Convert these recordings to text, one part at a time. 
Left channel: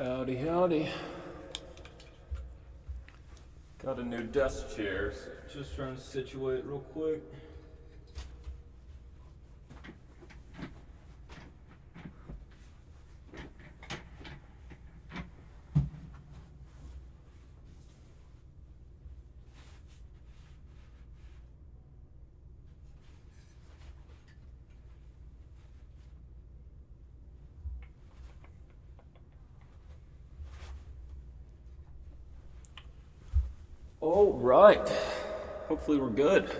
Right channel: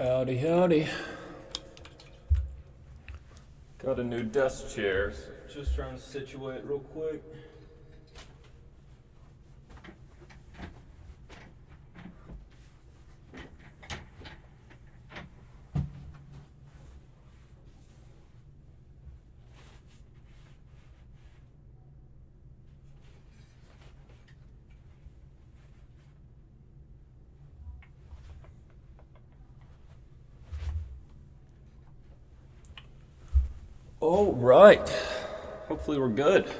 Howdy, howdy. Got a new desk chair, so just trying to situate real quick. All right. Hopefully we're good.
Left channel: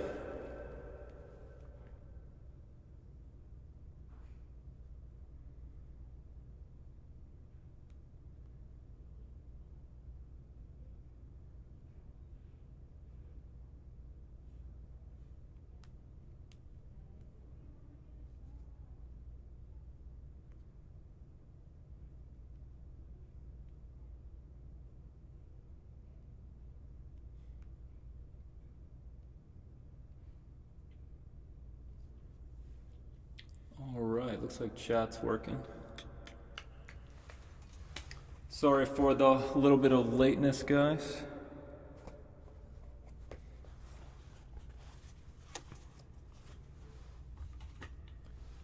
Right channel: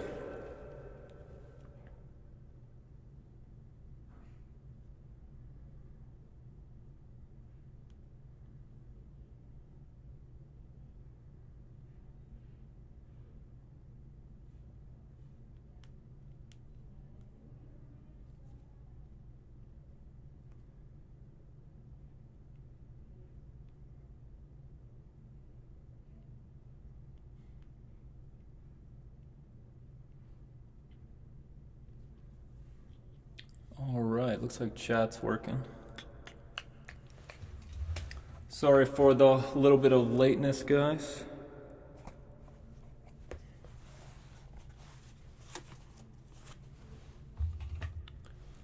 All right, looks like chat's working. Sorry for the little bit of lateness, guys.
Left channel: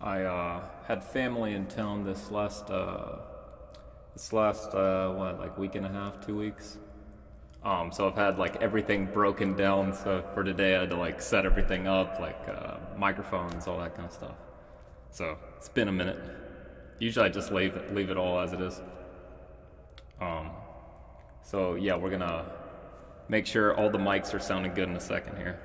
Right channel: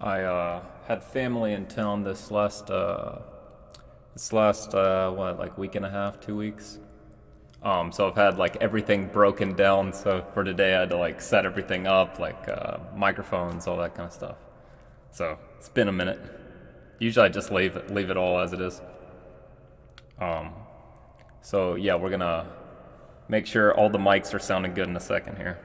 I had family in town this last what, like week and a half, 2 weeks. So I've had like everything broken down. So for today, I had to like set everything up, like microphones, all that kind of stuff. So it's been a minute. Usually I just leave it all as it is. So yeah, we're gonna make sure all the mics are sounding good in a second here.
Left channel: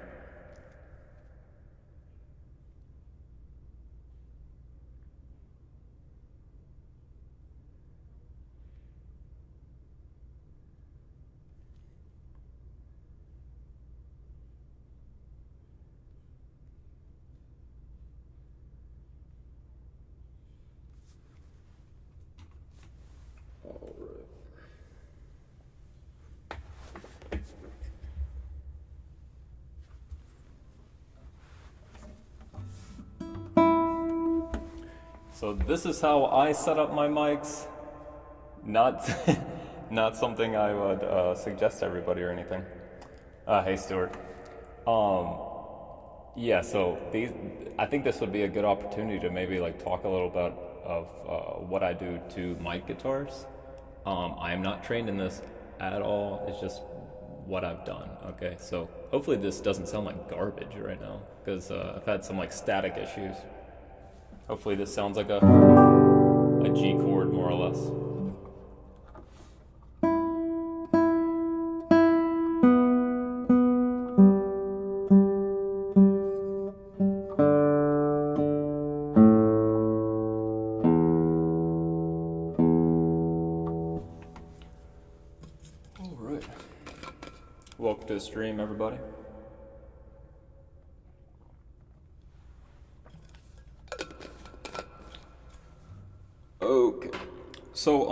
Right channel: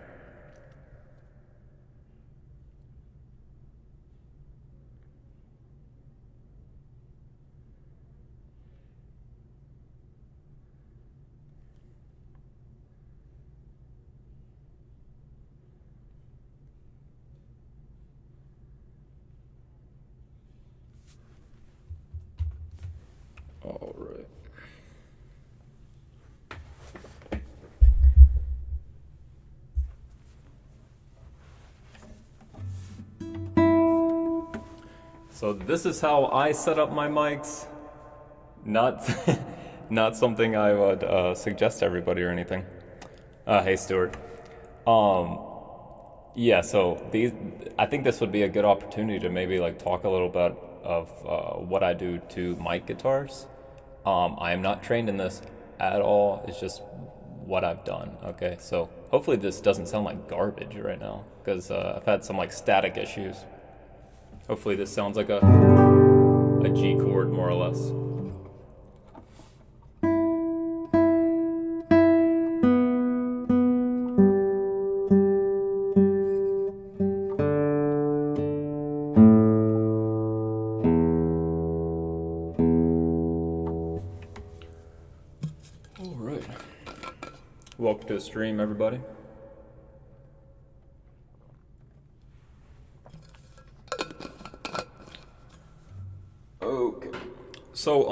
All right. So this is how I set up my mics. Not, not something I would suggest to everybody or anything. Hey, Stuart. Yeah. So I think this would be a good opportunity to maybe like talk a little bit of what I do to mic guitars. I am not trained in this at all. It's just what I've done. Okay. So hopefully this doesn't sound like garbage right now because I've had some like static issues. Hopefully this sounds like a G chord, more or less. All right. Welcome to the stream, everybody. Okay, so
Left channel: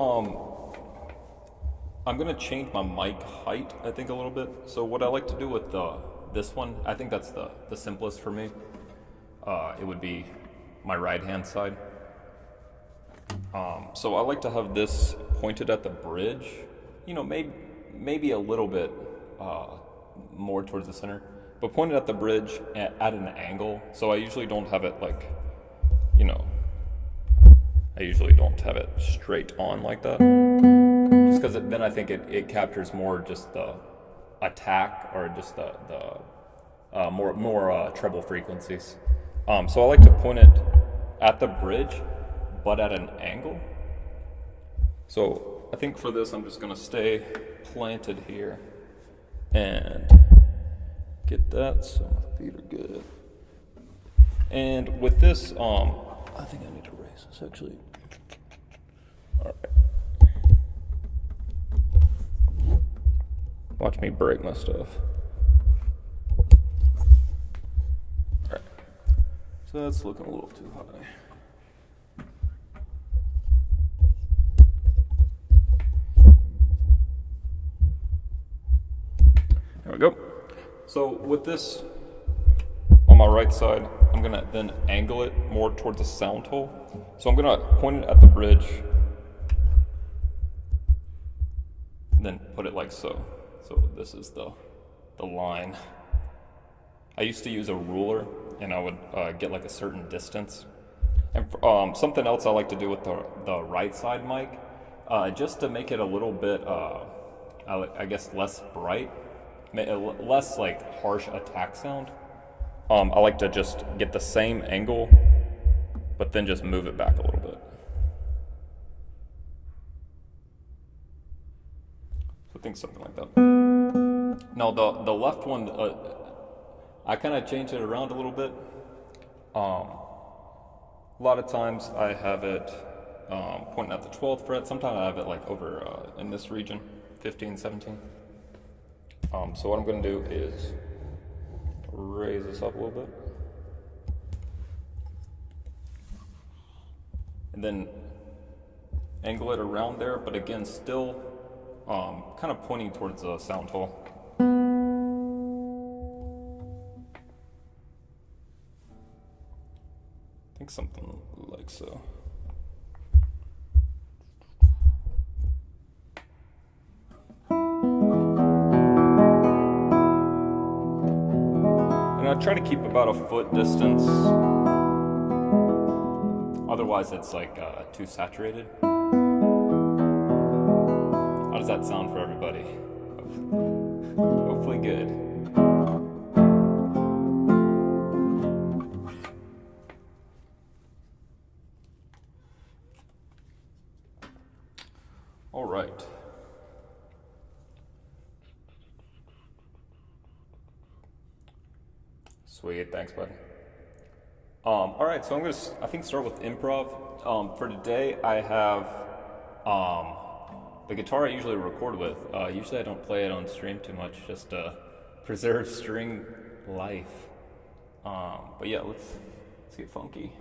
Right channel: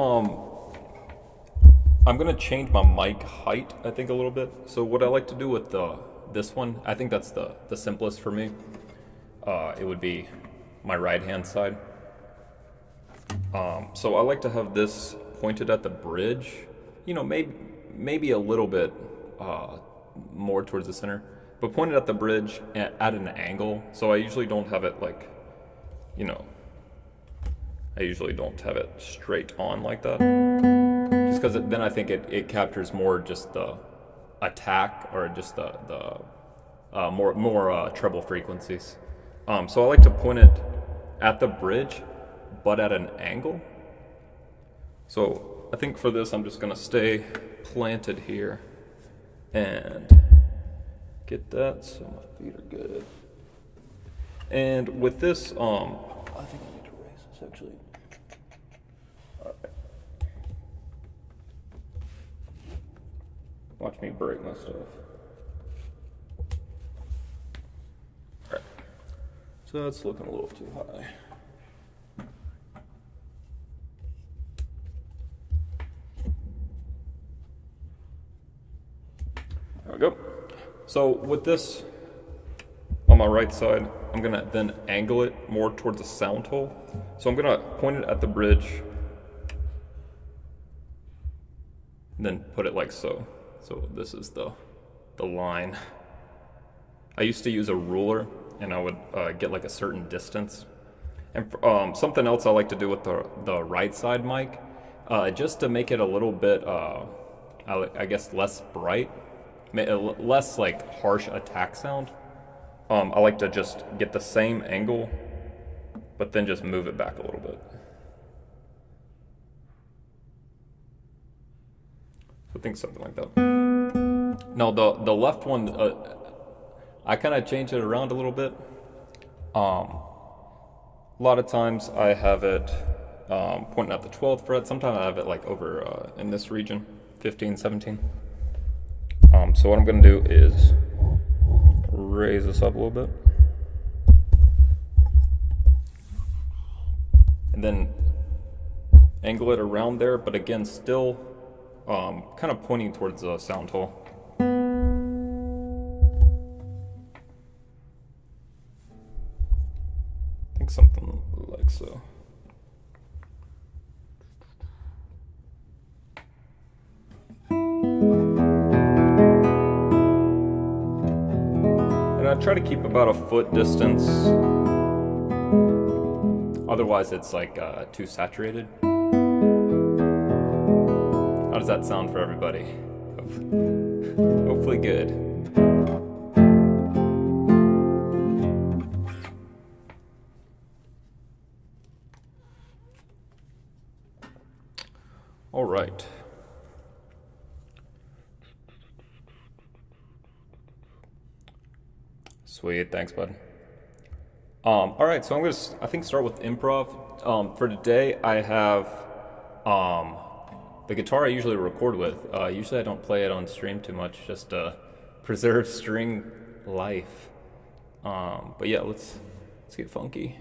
I'm gonna change my mic height, I think, a little bit. So what I like to do with this one, I think that's the simplest for me. It would be my right hand side. So I like to have this pointed at the bridge. You know, maybe a little bit more towards the center, but pointed at the bridge at an angle. So I usually don't have it like, you know. I usually don't have it straight on like that, just because then I think it captures more just the attack or just the more treble frequencies. So I like to point it at the bridge, but at an angle. So I think for this I'm just gonna stay planted here and get that so my feet are good. And with this, I think I need to raise this actually. Watch me break my stuff. Okay. So that's looking a little too high. There we go. So with this on my right side, I'm gonna then angle it more towards the sound hole. So I'm gonna point it at the bridge and then put it like so. So this is the line. I used to use a ruler, and I would get like a certain distance. And something else I like to do with the right side mic, just to make it a little bit, I guess, less bright, less like harsh attack sound. I like to just get the same angle, but then just move it back a little bit. So I think something like that. Now the left one, I kind of changed it around a little bit. A lot of times I have it pointing at the 12th fret. Sometimes I have it like over in this region, 15, 17. So what I'm going to do is raise this up a little bit. And then angle it around there, but again, still kind of pointing towards the sound hole. I think something like so. And I try to keep about a foot distance. Otherwise it's like too saturated. How does that sound for everybody? Hopefully good. All right. Sweet, thanks, bud. All right, so I'm gonna, I think, start with improv. For today, I have the guitar I usually record with. Usually I don't play it on stream too much, just to preserve string life. But yeah, let's get funky.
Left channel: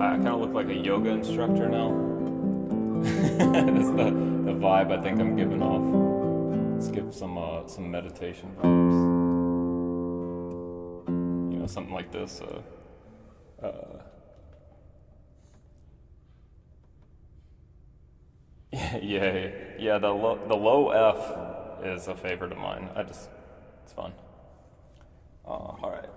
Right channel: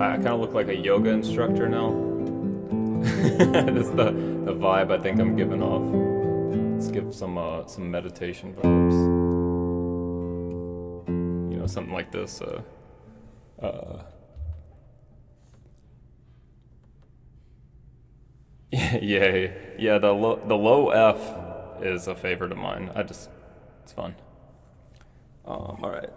I kind of look like a yoga instructor now. That's the vibe I think I'm giving off. Let's give some meditation vibes. You know, something like this. Yeah. The low F is a favorite of mine. It's fun. All right.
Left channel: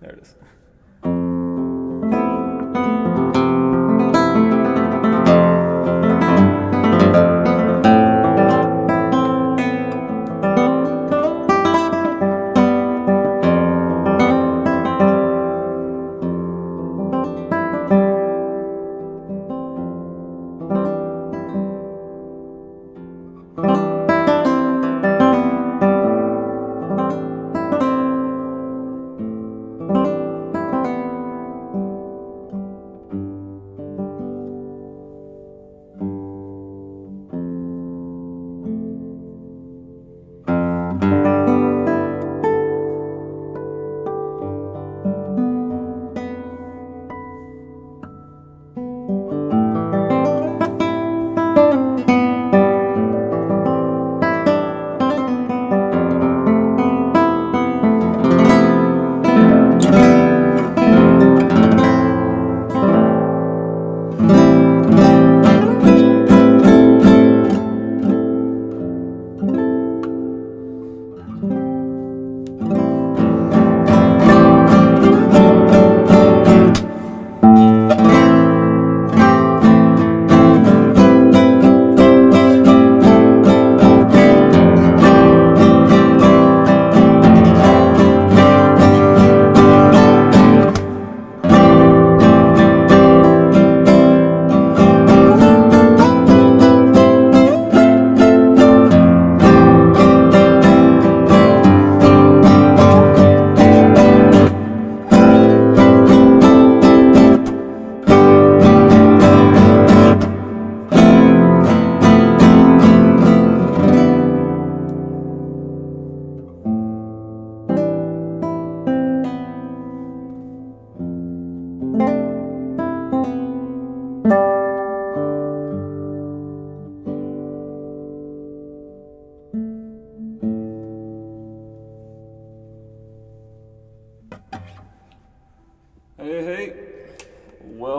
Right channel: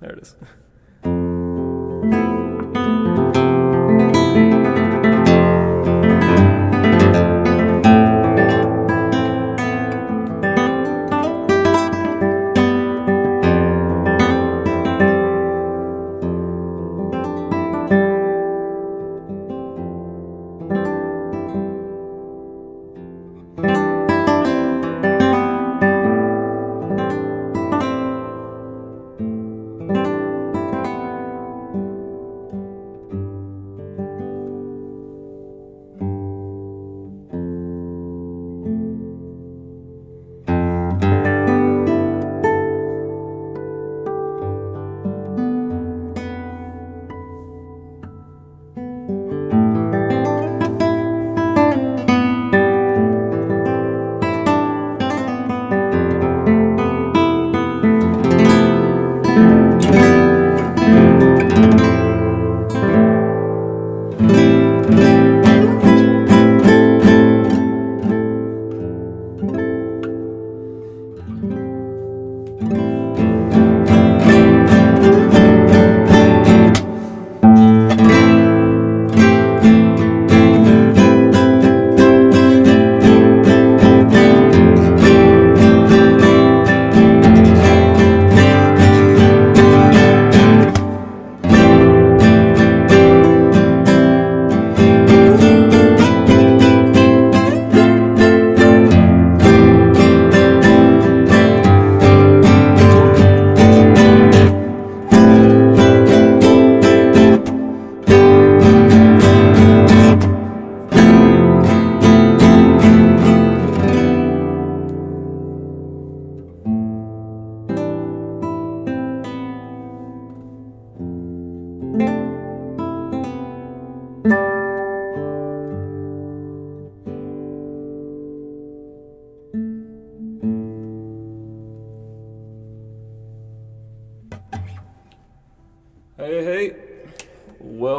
There it is.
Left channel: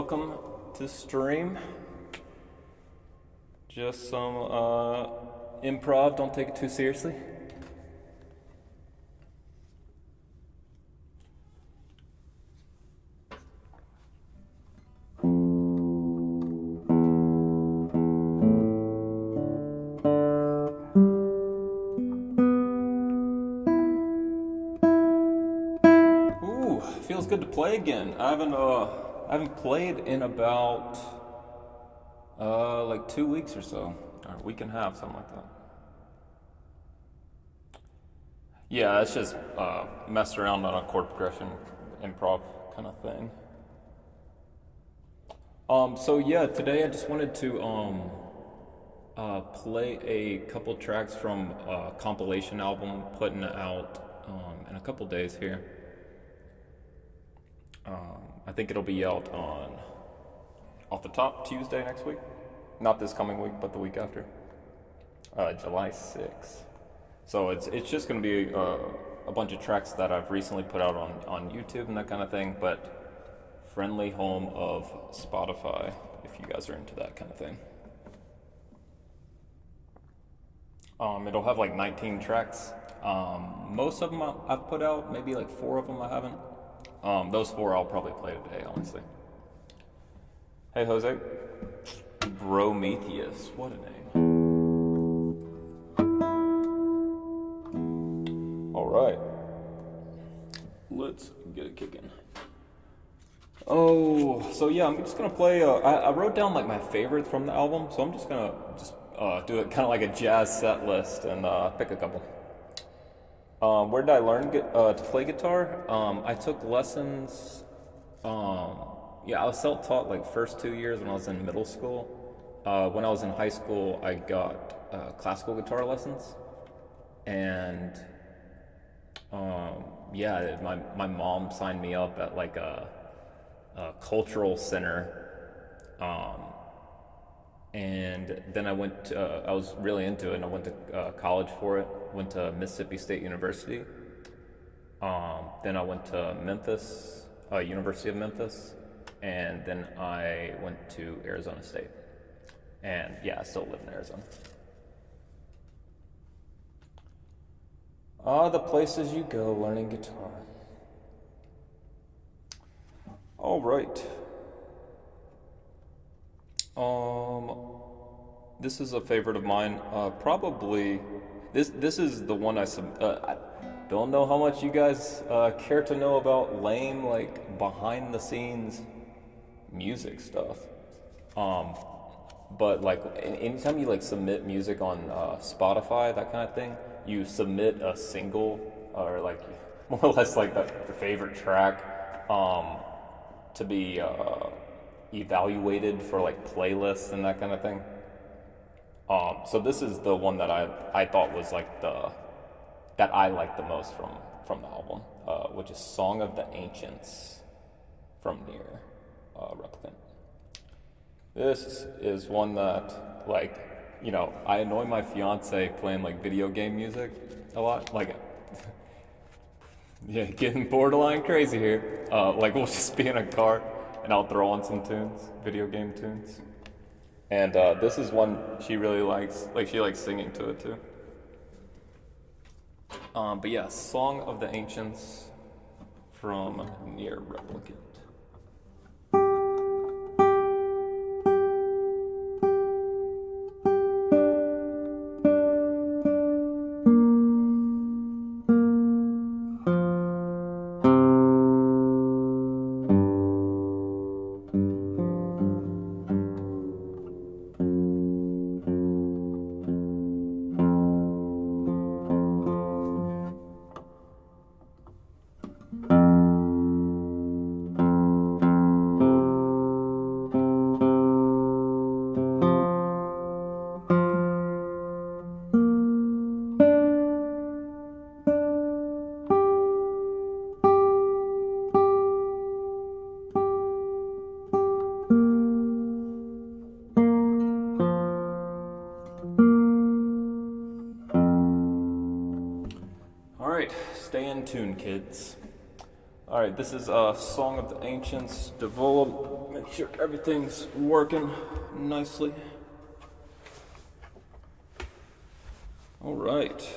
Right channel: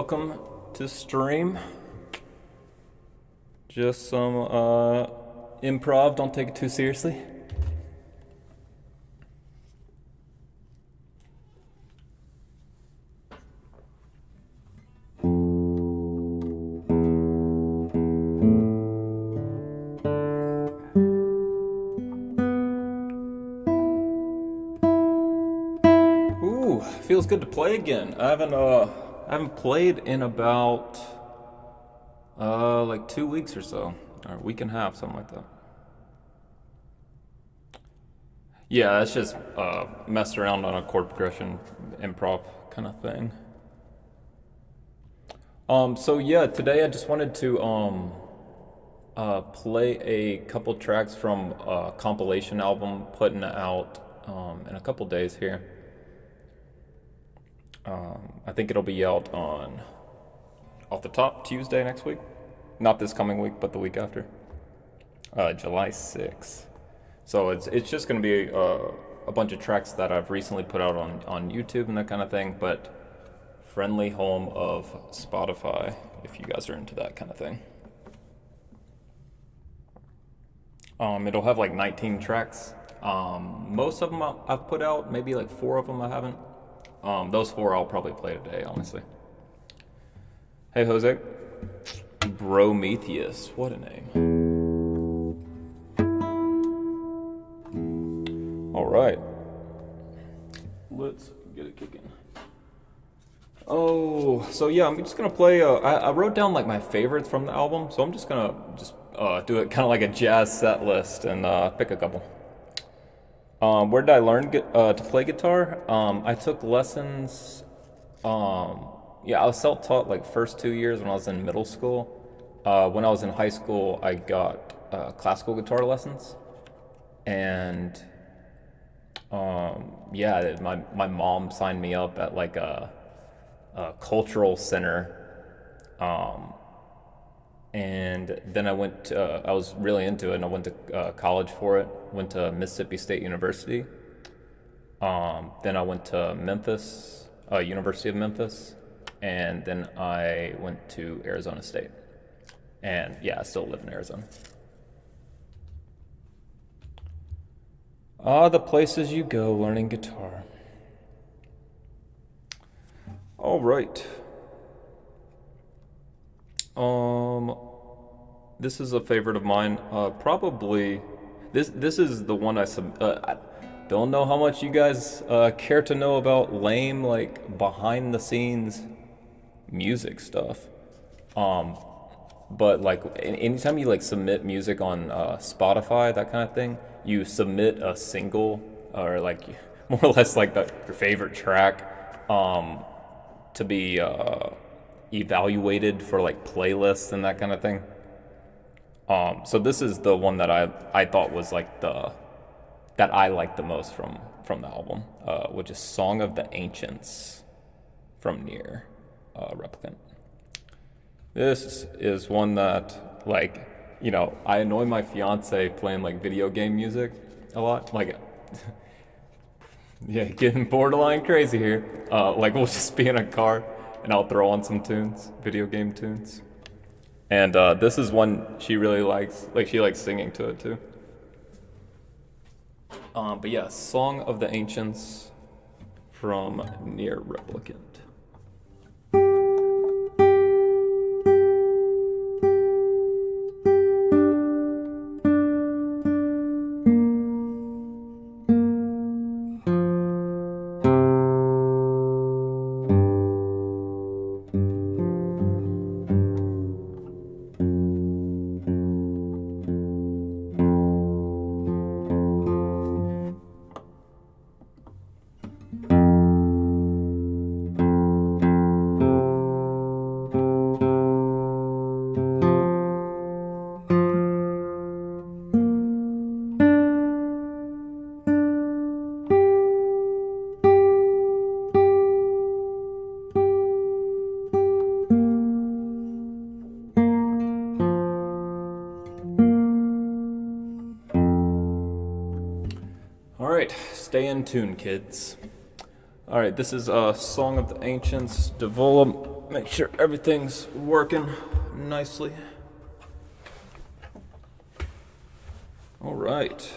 welcome to stream. Just some improv, don't take it too seriously. Ooh, feels good to play again. I haven't played in about like 2 weeks or so, or a week and a half, something like that. Yeah, it's just messed around on a chord progression, improv kind of thing. So yeah, today I just wanted to play a couple tracks from a compilation album putting out in a couple days here. I think it'll be out on, off the top, Tuesday next week. Not this coming week, but the week after. July 6th. So it's just going to be a bunch of tracks that I've recently put out on YouTube and that kind of thing, but friendly home of Spotify, if you guys are into that kind of thing. It'll have like 19 tracks. Most of them I've put out, maybe like 4 of them I haven't. Those 4 I'll probably play today, honestly. Hey, Jose. Prometheus, what a name. Alright. Let's get it kicking. Oh, so yeah, I'm just gonna play, I wrote down like my favorites from the album, so I'm just gonna do it kind of like a jazz set list and pick a couple. Where did I learn to play guitar? I took lessons, yeah, I was self-taught like first 2 years when I was in middle school. When I was in high school, I got classical guitar lessons, and yeah, my mom signed me up at like a cultural center, and then I was really into it, and I went to college for it. Went to Mississippi State University. Then I went to Memphis, University of Memphis, and then I went to Arizona State. And yeah, I still live in Arizona. The places you go learning guitar. All right. This is a favorite of mine. Probably this is the one I don't know how much you guys care to know about lame like behind the scenes music stuff. But like anytime you like submit music on Spotify, that kind of thing, you submit a single or like more or less like your favorite track to be evaluated for like playlists and that kind of thing. So this is the one that I thought was like that I liked the most from the album, which is Song of the Ancients from Nier Replicant. This is one that, like, you know, I annoy my fiance playing like video game music a lot. Like, yeah, getting borderline crazy here. Like, we'll just be in a car and I'll throw on some tunes, video game tunes. And this is one she really likes. Like, she likes singing to it too. But yeah, Song of the Ancients from Nier Replicant. Stay in tune, kids. Alright, this is Song of the Ancients, development make sure everything's working nicely. All right.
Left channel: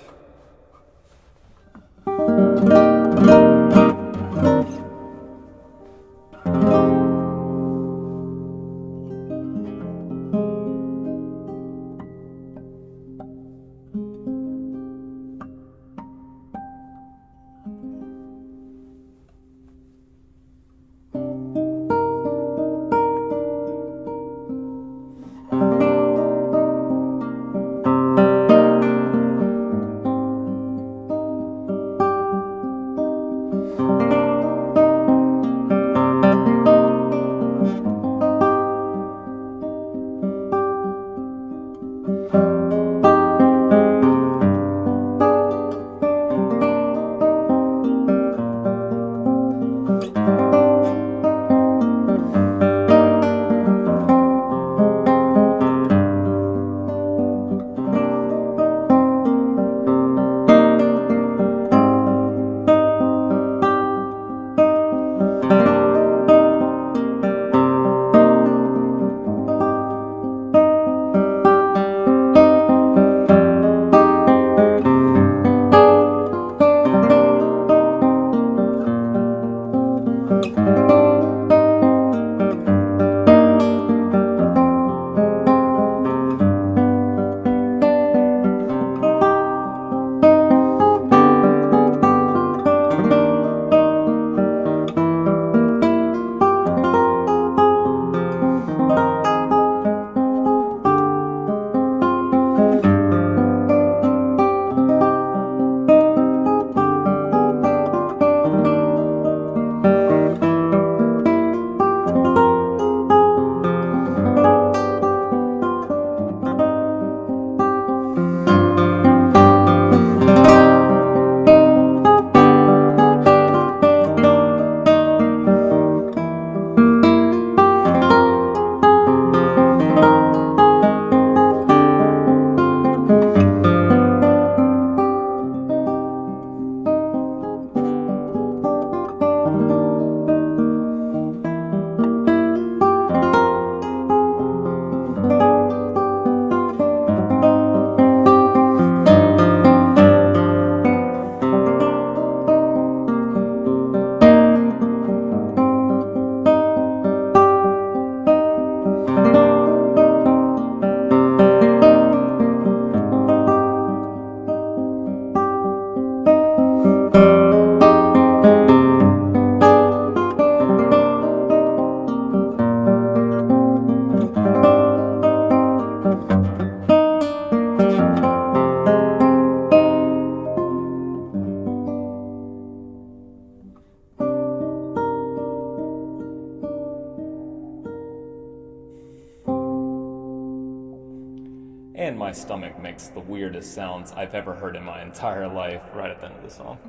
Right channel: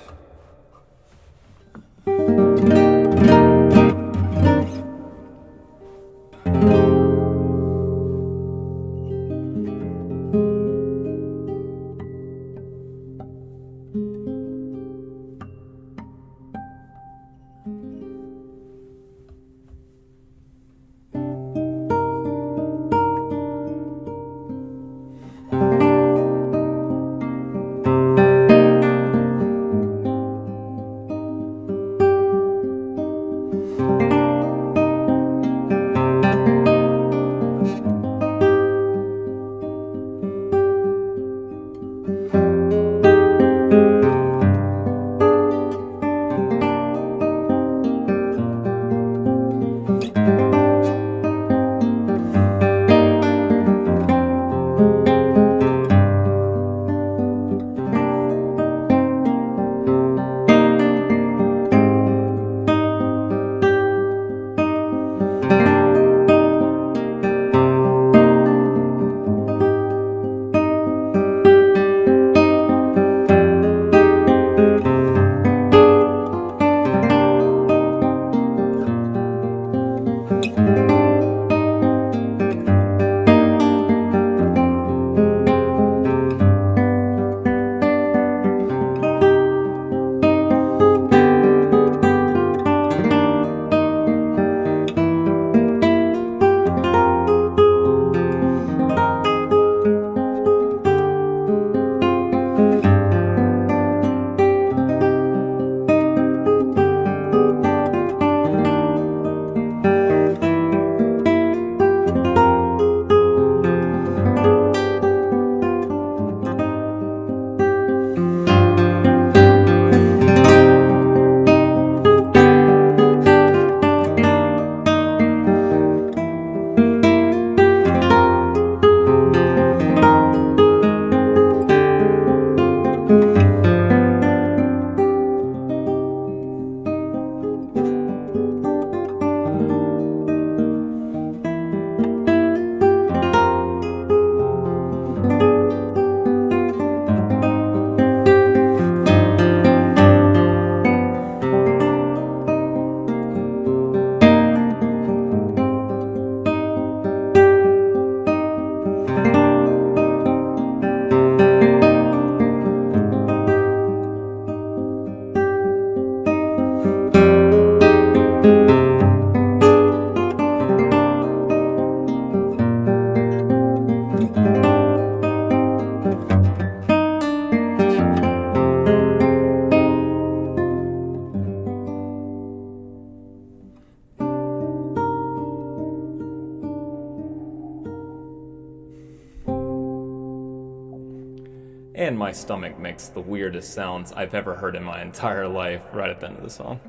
And my stomach makes the weirdest sounds I've ever heard in my entire life right at the end of the song.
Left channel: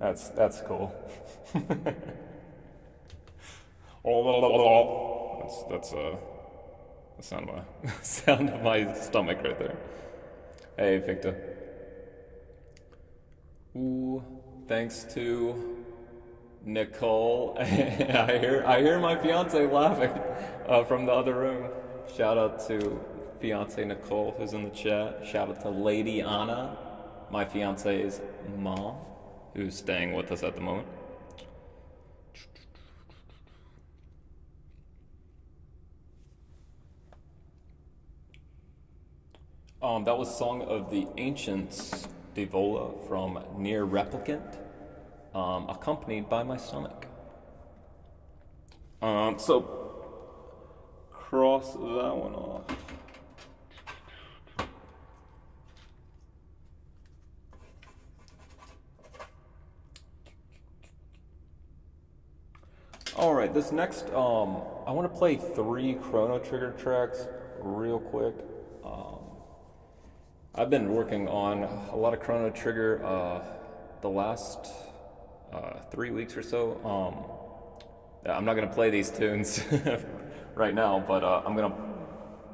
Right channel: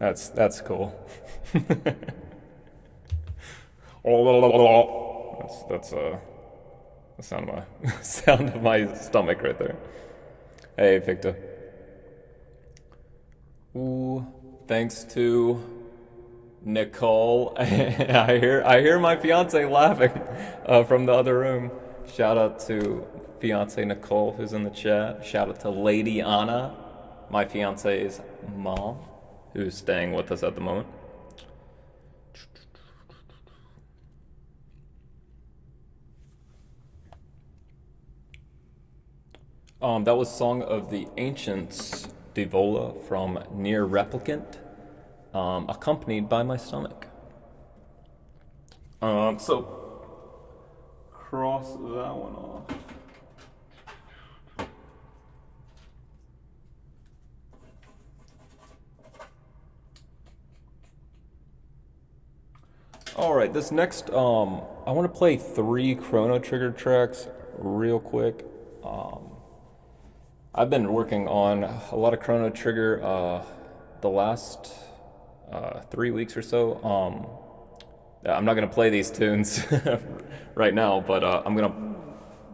That's cool. That's the sound of my stomach right there. Hey, Victor. Ooh, thanks to Nicole. I hear my fiance laughing from the other room. Shout out to fiance Nicole who's in the chat. Shout out to Lady Anna, my fiance's mom, who's staying with us at the moment. That was Song of the Ancients, Divola from Near Replicant, accompanied by my stomach. So cross that one off. Alright, this next, I want to play 3 Chrono Trigger tracks real quick. I've been working on a lot of Chrono Trigger the last 3 weeks or so. I'm not going to play these tunes right now, but I'm going to...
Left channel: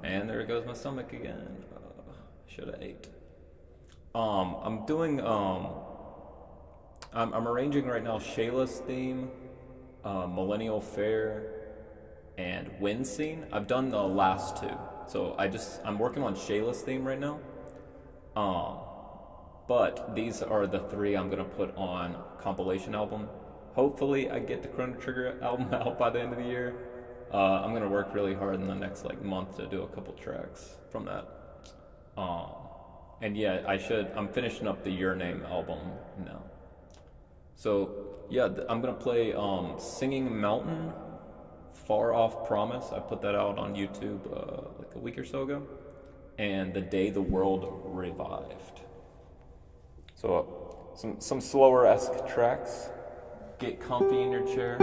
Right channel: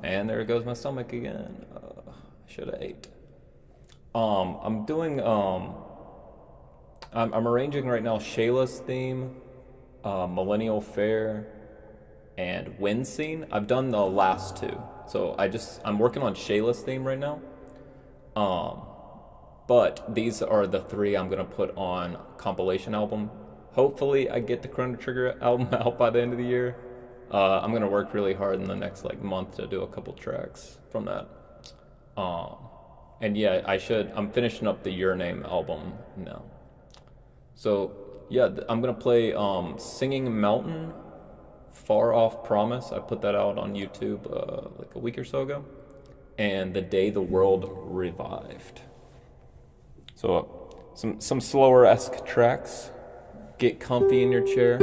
And there goes my stomach again. Should have ate. I'm doing... I'm arranging right now Shayla's theme, Millennial Fair, and Wind Scene. I've done the last two, so I'm working on Shayla's theme right now. But these are the three I'm gonna put on compilation album. Hopefully, I get the Chrono Trigger album out by the end of the year. I'm gonna work really hard in the next like month to do a couple tracks from that. And yeah, I'm finishing up the Your Name album now. So yeah, I'm gonna play Singing Mountain, Far Off Promise. I put that out on YouTube like a week or so ago, and The Day the World Revived. So some slower-esque tracks. Get comfy in your chair.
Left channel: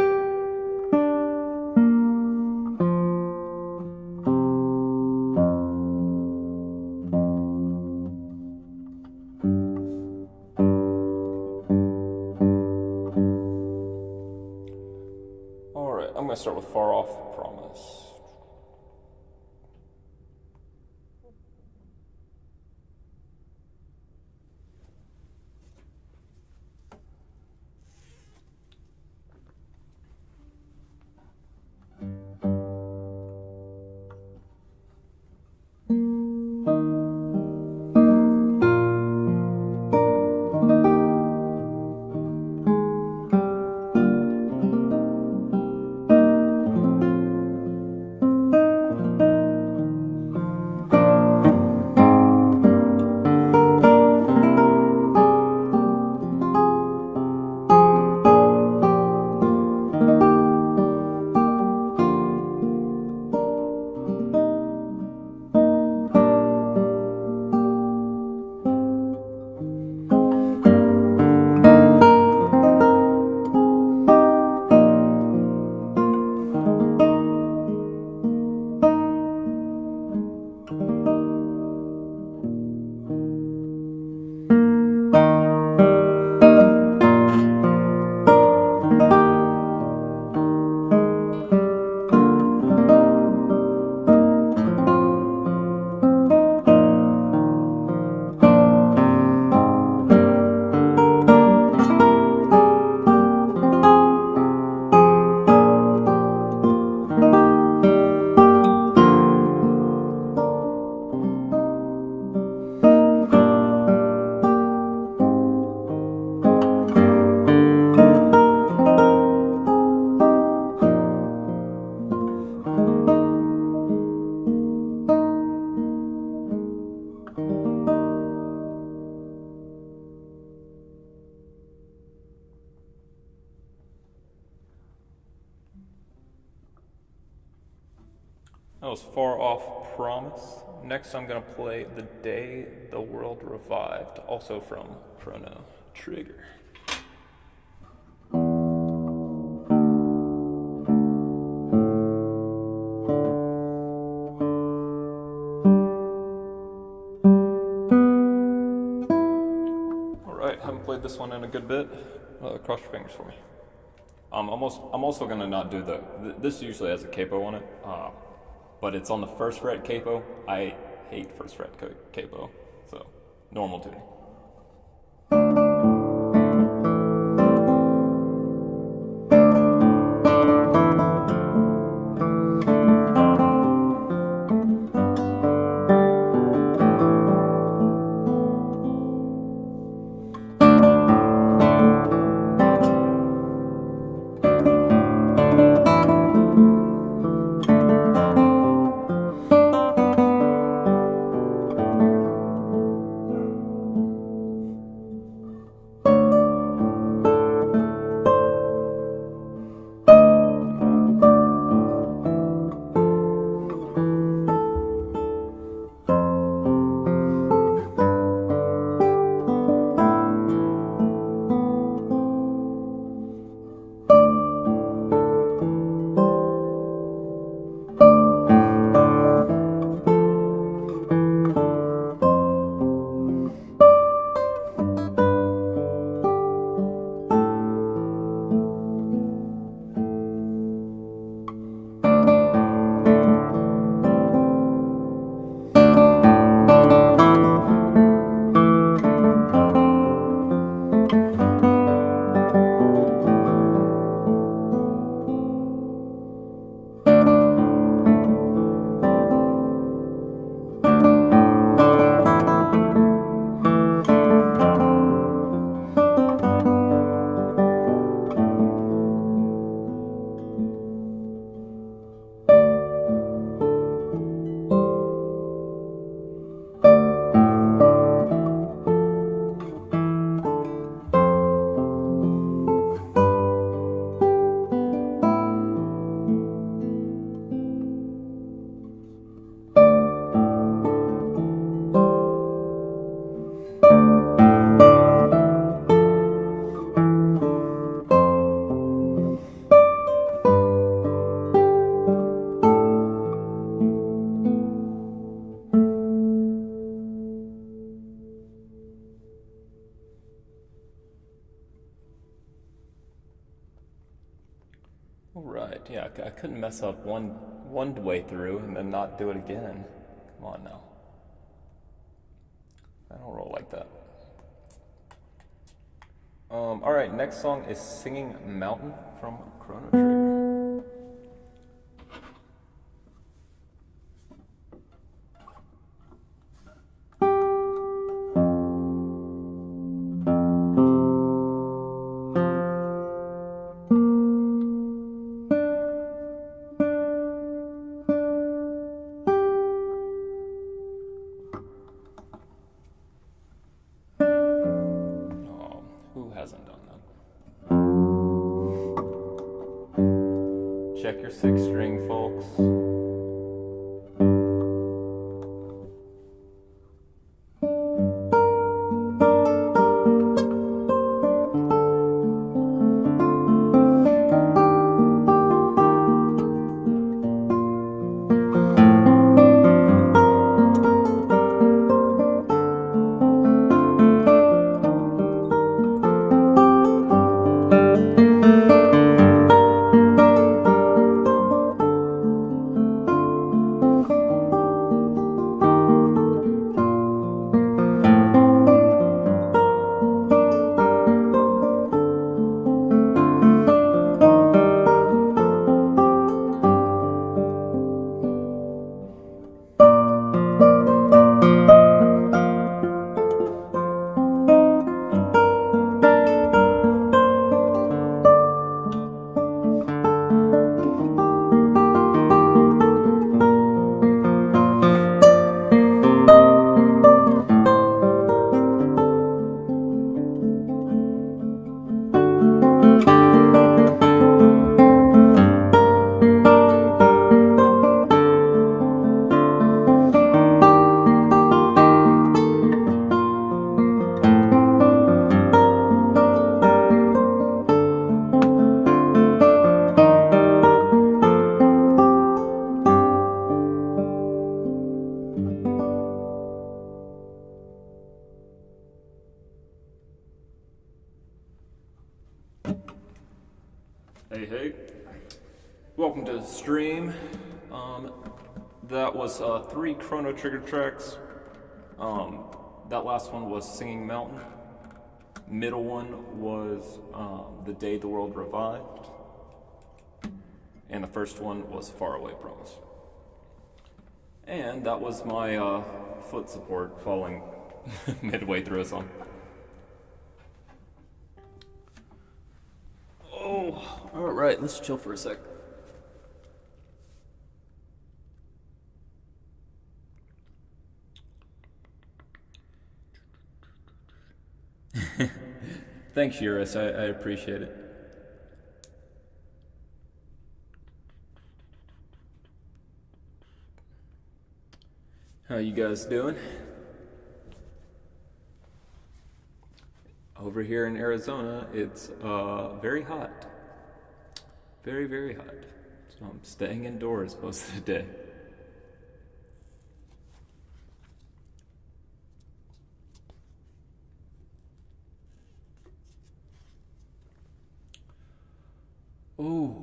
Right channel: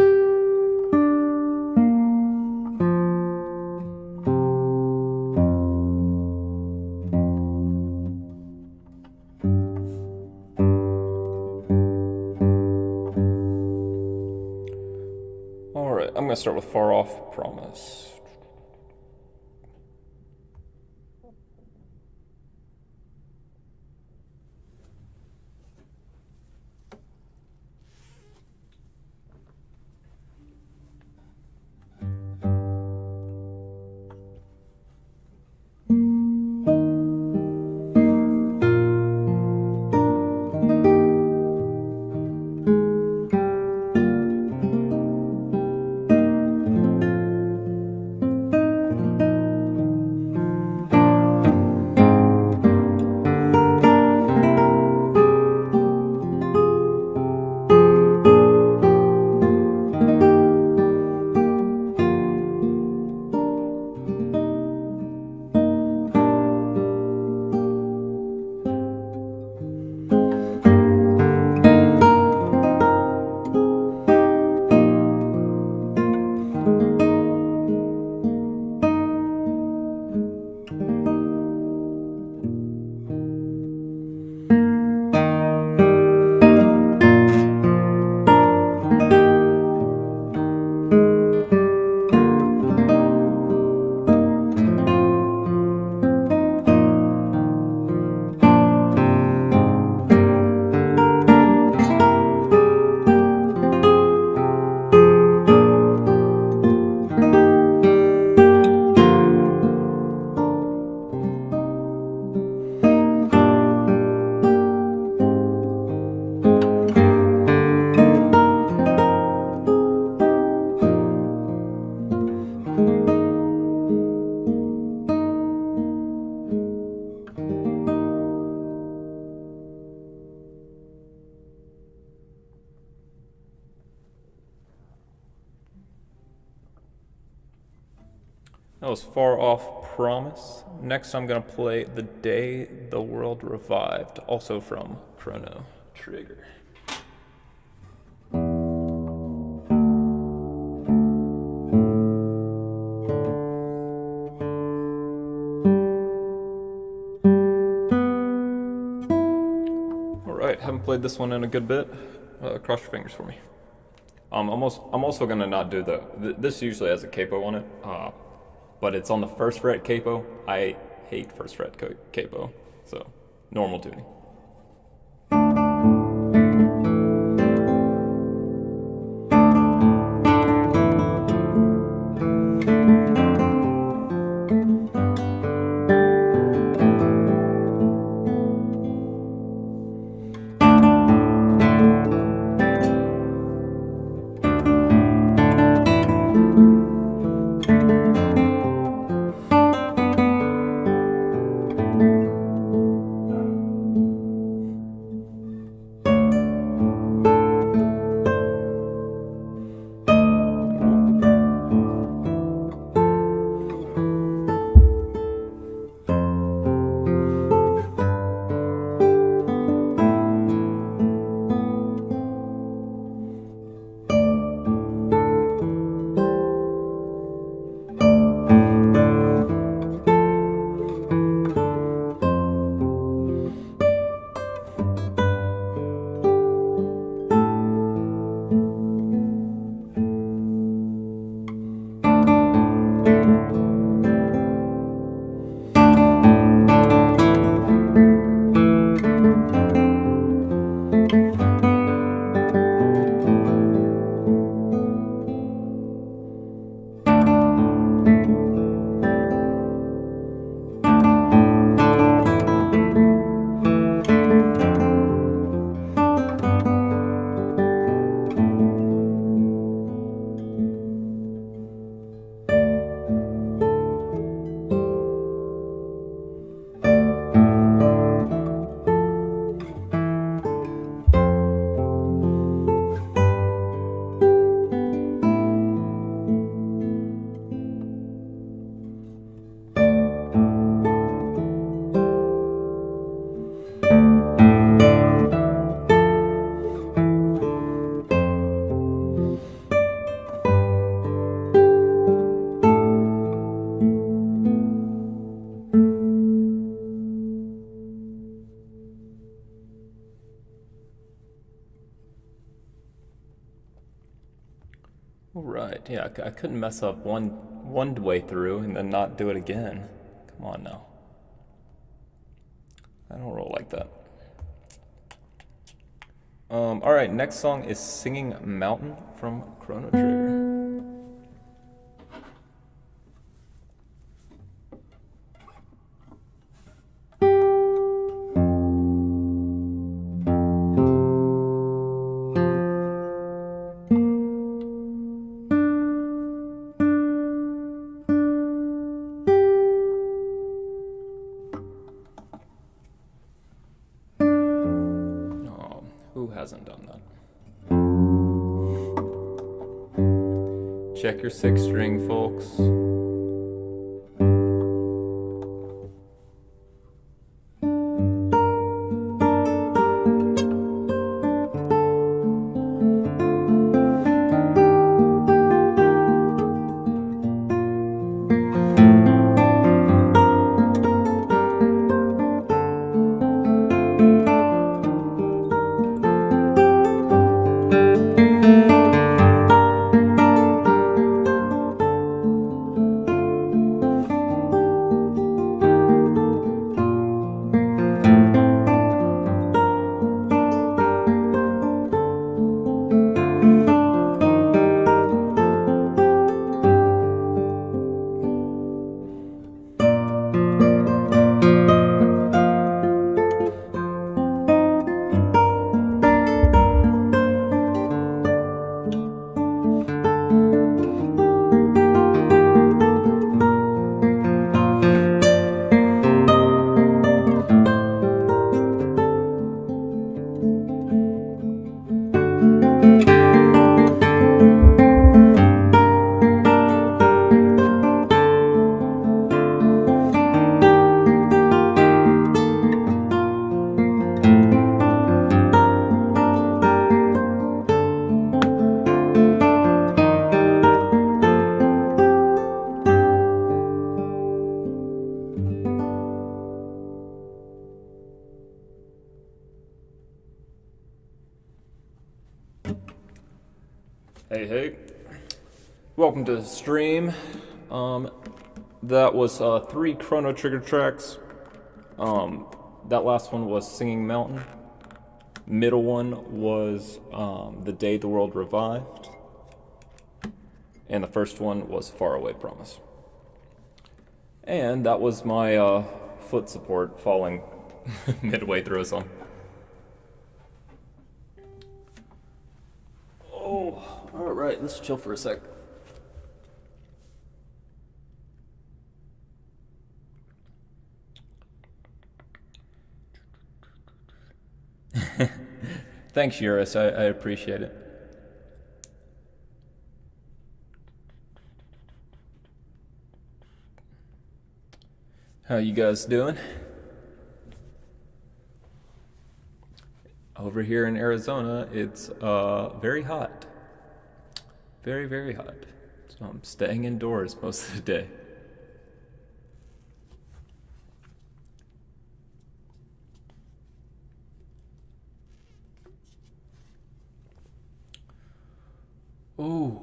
Alright, I'm going to start with Far Off Promise. That was Far Off Promise. Next, I'm going to play The Day the World Revived, also from Chrono Trigger. Alright, haven't played this one in a good bit. Cross your fingers for me. I'm also going to not do this usually has a capo on it. But it's on the first fret capo. I hate first fret capo, so normal tuning. Right, yeah, I couldn't mess up one way through and then not do it again. Come on now. I don't roll like that. Alright, next song is Singing Mountain from Chrono Trigger. Who hasn't done that? Check your 6th string, folks. Hey, welcome to the stream. That was 3 Chrono Trigger tracks. That last one was Singing Mountain. Middle one was The Day the World Revived. And the first one was Faraway Promise. And that was my foot support falling midway through a song. Alright, let's chill for a sec. Thanks, Eurus. I appreciate it. How you guys doing? Over here in Arizona, it's very hot. Very, very hot. So I'm staying indoors most of the day. Ooh.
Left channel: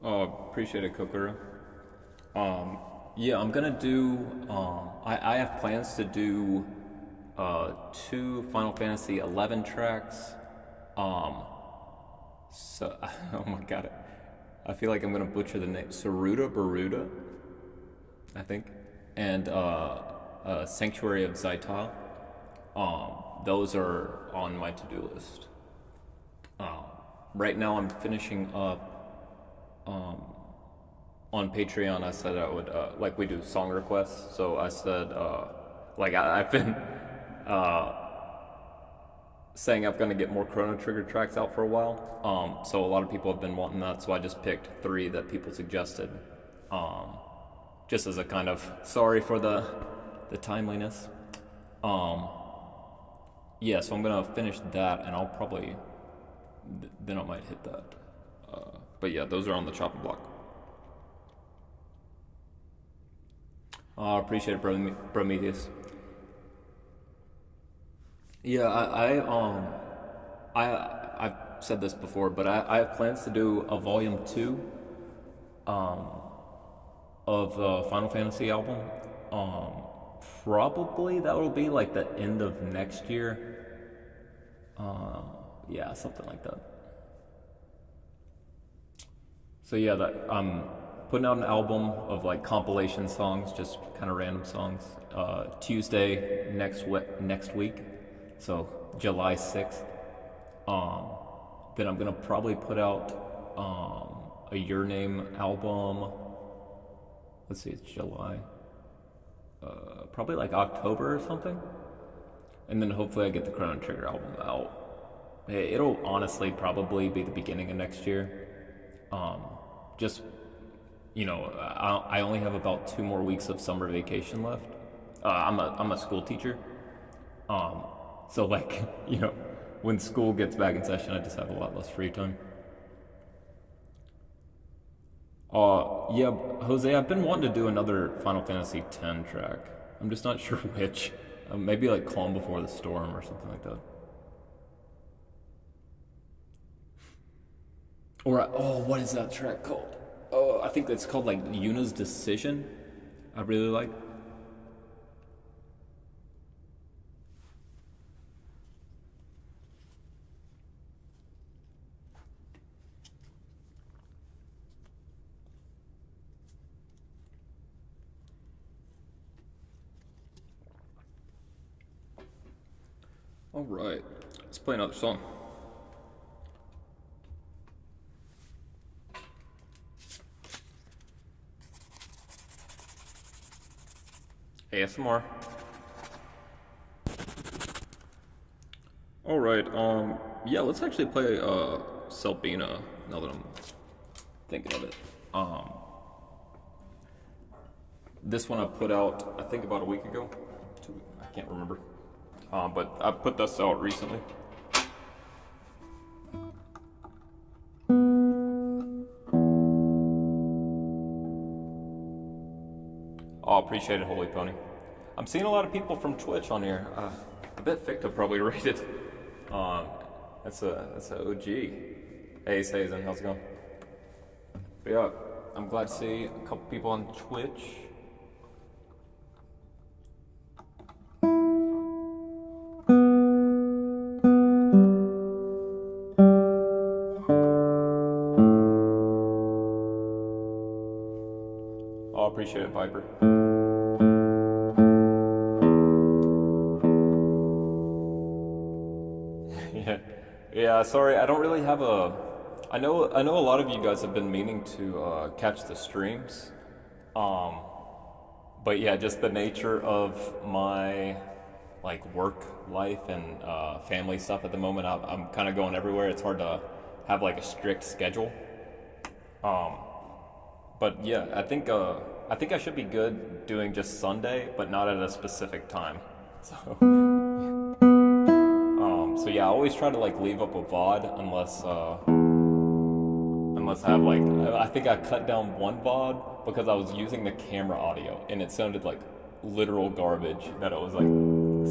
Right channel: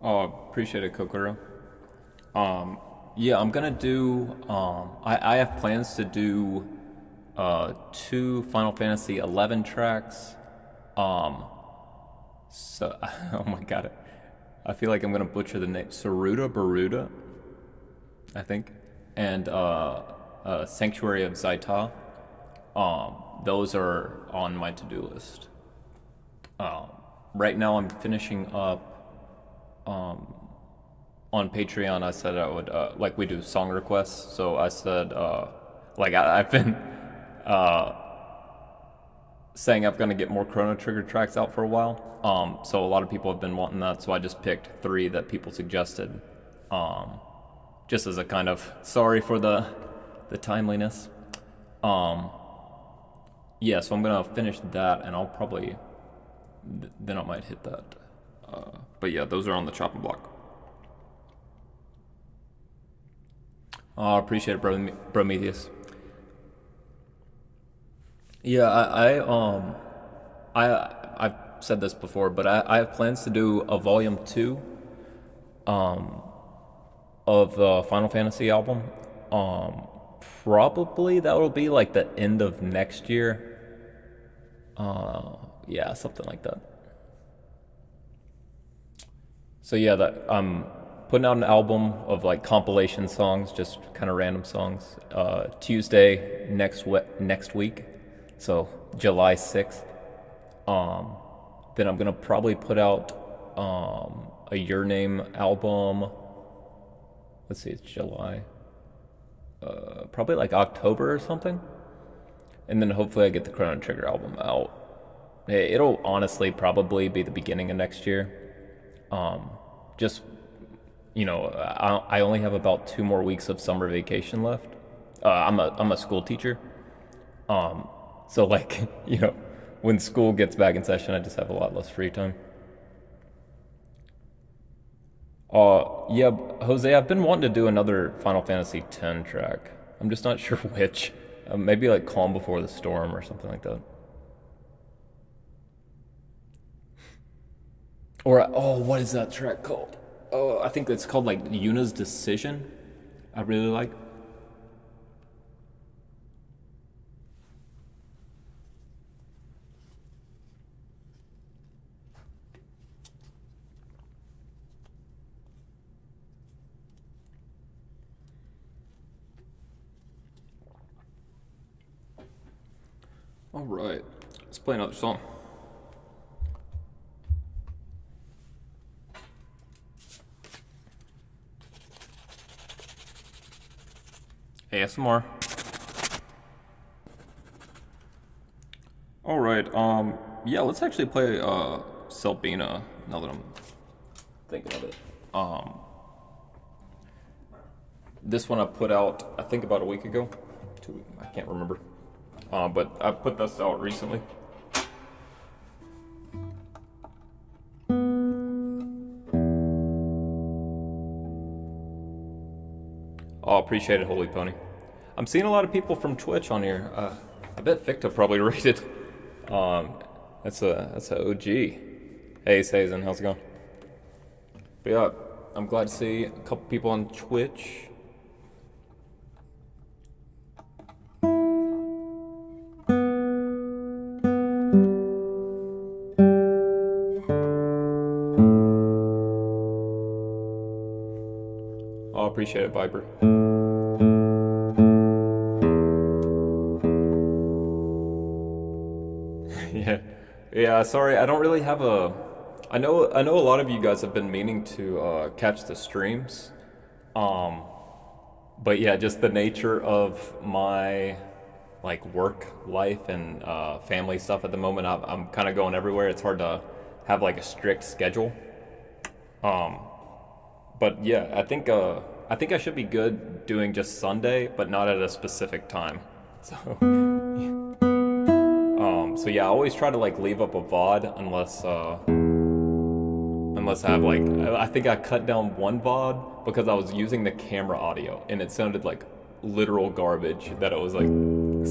Oh, appreciate it, Kokoro. Yeah, I'm gonna do, I have plans to do 2 Final Fantasy 11 tracks. So, oh my god, I feel like I'm gonna butcher the name. Saruda Baruda, I think. And Sanctuary of Zaita. Those are on my to-do list. Right now I'm finishing up on Patreon. I said I would, like we do song requests, so I said, I've been saying I'm going to get more Chrono Trigger tracks out for a while, so a lot of people have been wanting that, so I just picked 3 that people suggested, just as a kind of sorry for the timeliness. Yeah, so I'm going to finish that, and I'll probably, then I might hit that. But yeah, those are on the chopping block. Oh, appreciate it, bro, Prometheus. Yeah, I've said this before, but I have plans to do a volume two of the Final Fantasy album. Um, Probably that will be like the end of next year. Yeah, something like that. So yeah, that I'm putting out an album of like compilation songs, just kind of random songs. Tuesday next week, so July 6th. Um, then I'm gonna probably put out a Your Name album. Let's see, it's July. Probably like October or something. And then hopefully I get the Chrono Trigger album out. It'll honestly probably be the beginning of next year. Just I only have about 2 more weeks of summer vacation left. I'm a school teacher, so like when school gets back in session, I just have a lot less free time. Yeah, Jose, I've been wanting to do another Final Fantasy X track. I'm just not sure which. Maybe like Calm Before the Storm or something like that. Or what is that track called? Oh, I think it's called like Yuna's Decision. I really like. All right, let's play another song. ASMR. All right. Yeah, let's actually play Selbina now that I'm thinking of it. This one I put out I think about a week ago. I can't remember. But I put this out recently. Oh, appreciate it, Holy Pony. I'm seeing a lot of people from Twitch on here. I bet Victor probably rated. That's a OG. Hey, Sazen, how's it going? But yeah, I'm glad to see a couple people on Twitch. Oh, appreciate it, Viper. Yeah, yeah. Sorry, I don't really have a. I know a lot of you guys have been meaning to catch the streams, but yeah, just the nature of my like work life and family stuff at the moment. I'm kind of going everywhere. It's hard to have like a strict schedule. But yeah, I think I should be good doing just Sunday, but not at a specific time. So so yeah, I always try to like leave up a VOD unless I have like I think I cut down one VOD because I was using the camera audio and it sounded like literal garbage that it was like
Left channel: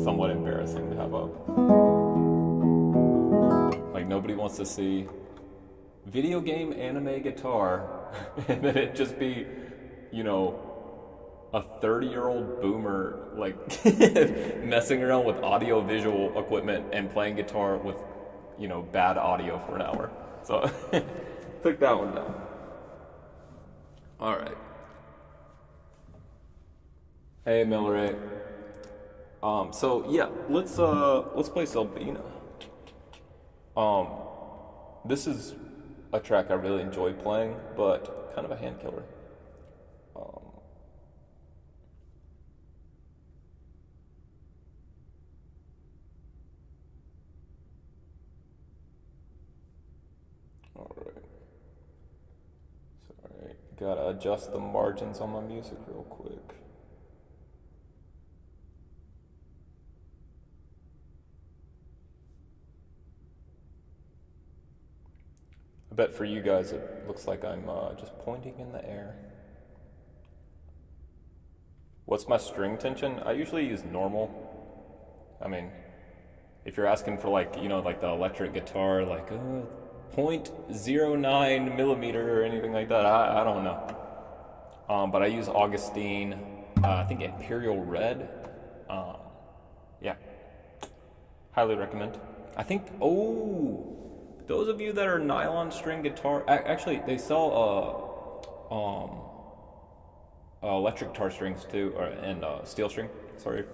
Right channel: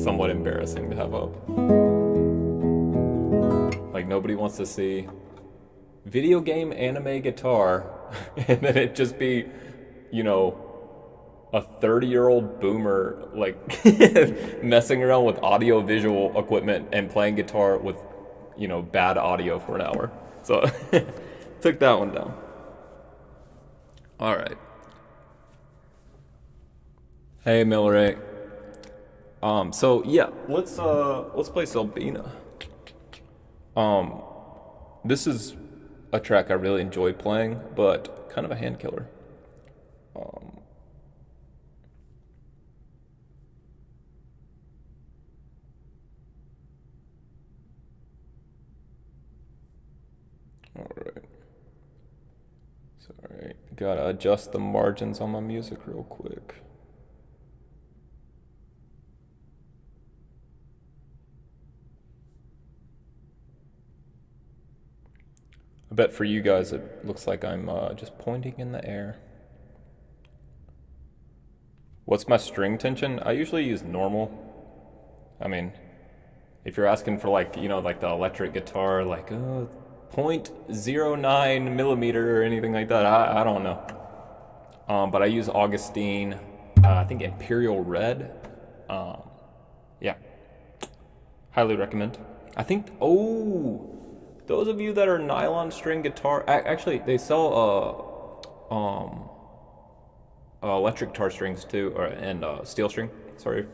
somewhat embarrassing to have up. Like nobody wants to see video game anime guitar and then it just be, a 30-year-old boomer like messing around with audio visual equipment and playing guitar with, bad audio for an hour. So took that one down. All right. Hey, Milleray. So yeah, let's play Selbina. This is a track I really enjoy playing, but kind of a hand killer. All right. Sorry, gotta adjust the margins on my music real quick. I bet for you guys it looks like I'm just pointing in the air. What's my string tension? I usually use normal. I mean, if you're asking for like, like the electric guitar, like 0.09 millimeter or anything like that, I don't know. But I use Augustine, I think Imperial Red. Yeah, highly recommend. I think, those of you that are nylon string guitar, actually they sell electric guitar strings too, and steel string. Sorry.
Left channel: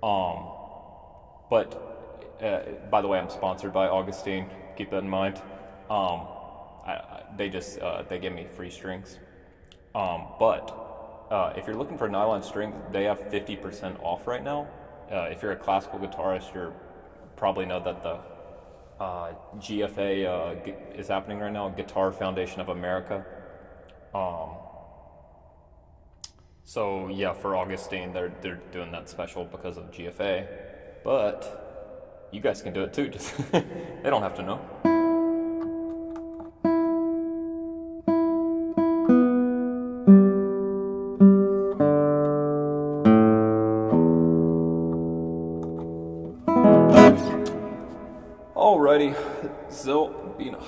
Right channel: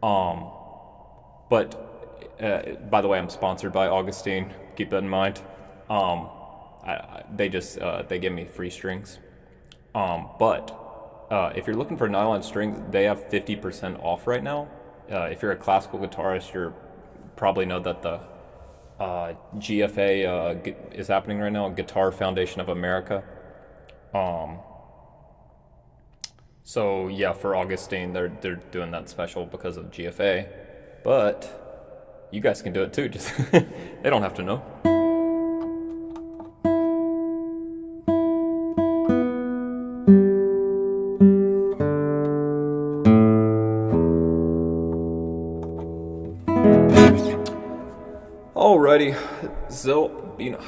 But by the way, I'm sponsored by Augustine. Keep that in mind. They give me free strings. But if you're looking for nylon strings, they have 50% off right now. If you're a classical guitarist, you probably know that the GFA is happening right now, Guitar Foundation of America. So yeah, for Augustine, they're doing that special because of GFA, but you guys can do it too. Just they don't have to know. Alrighty, Zelda.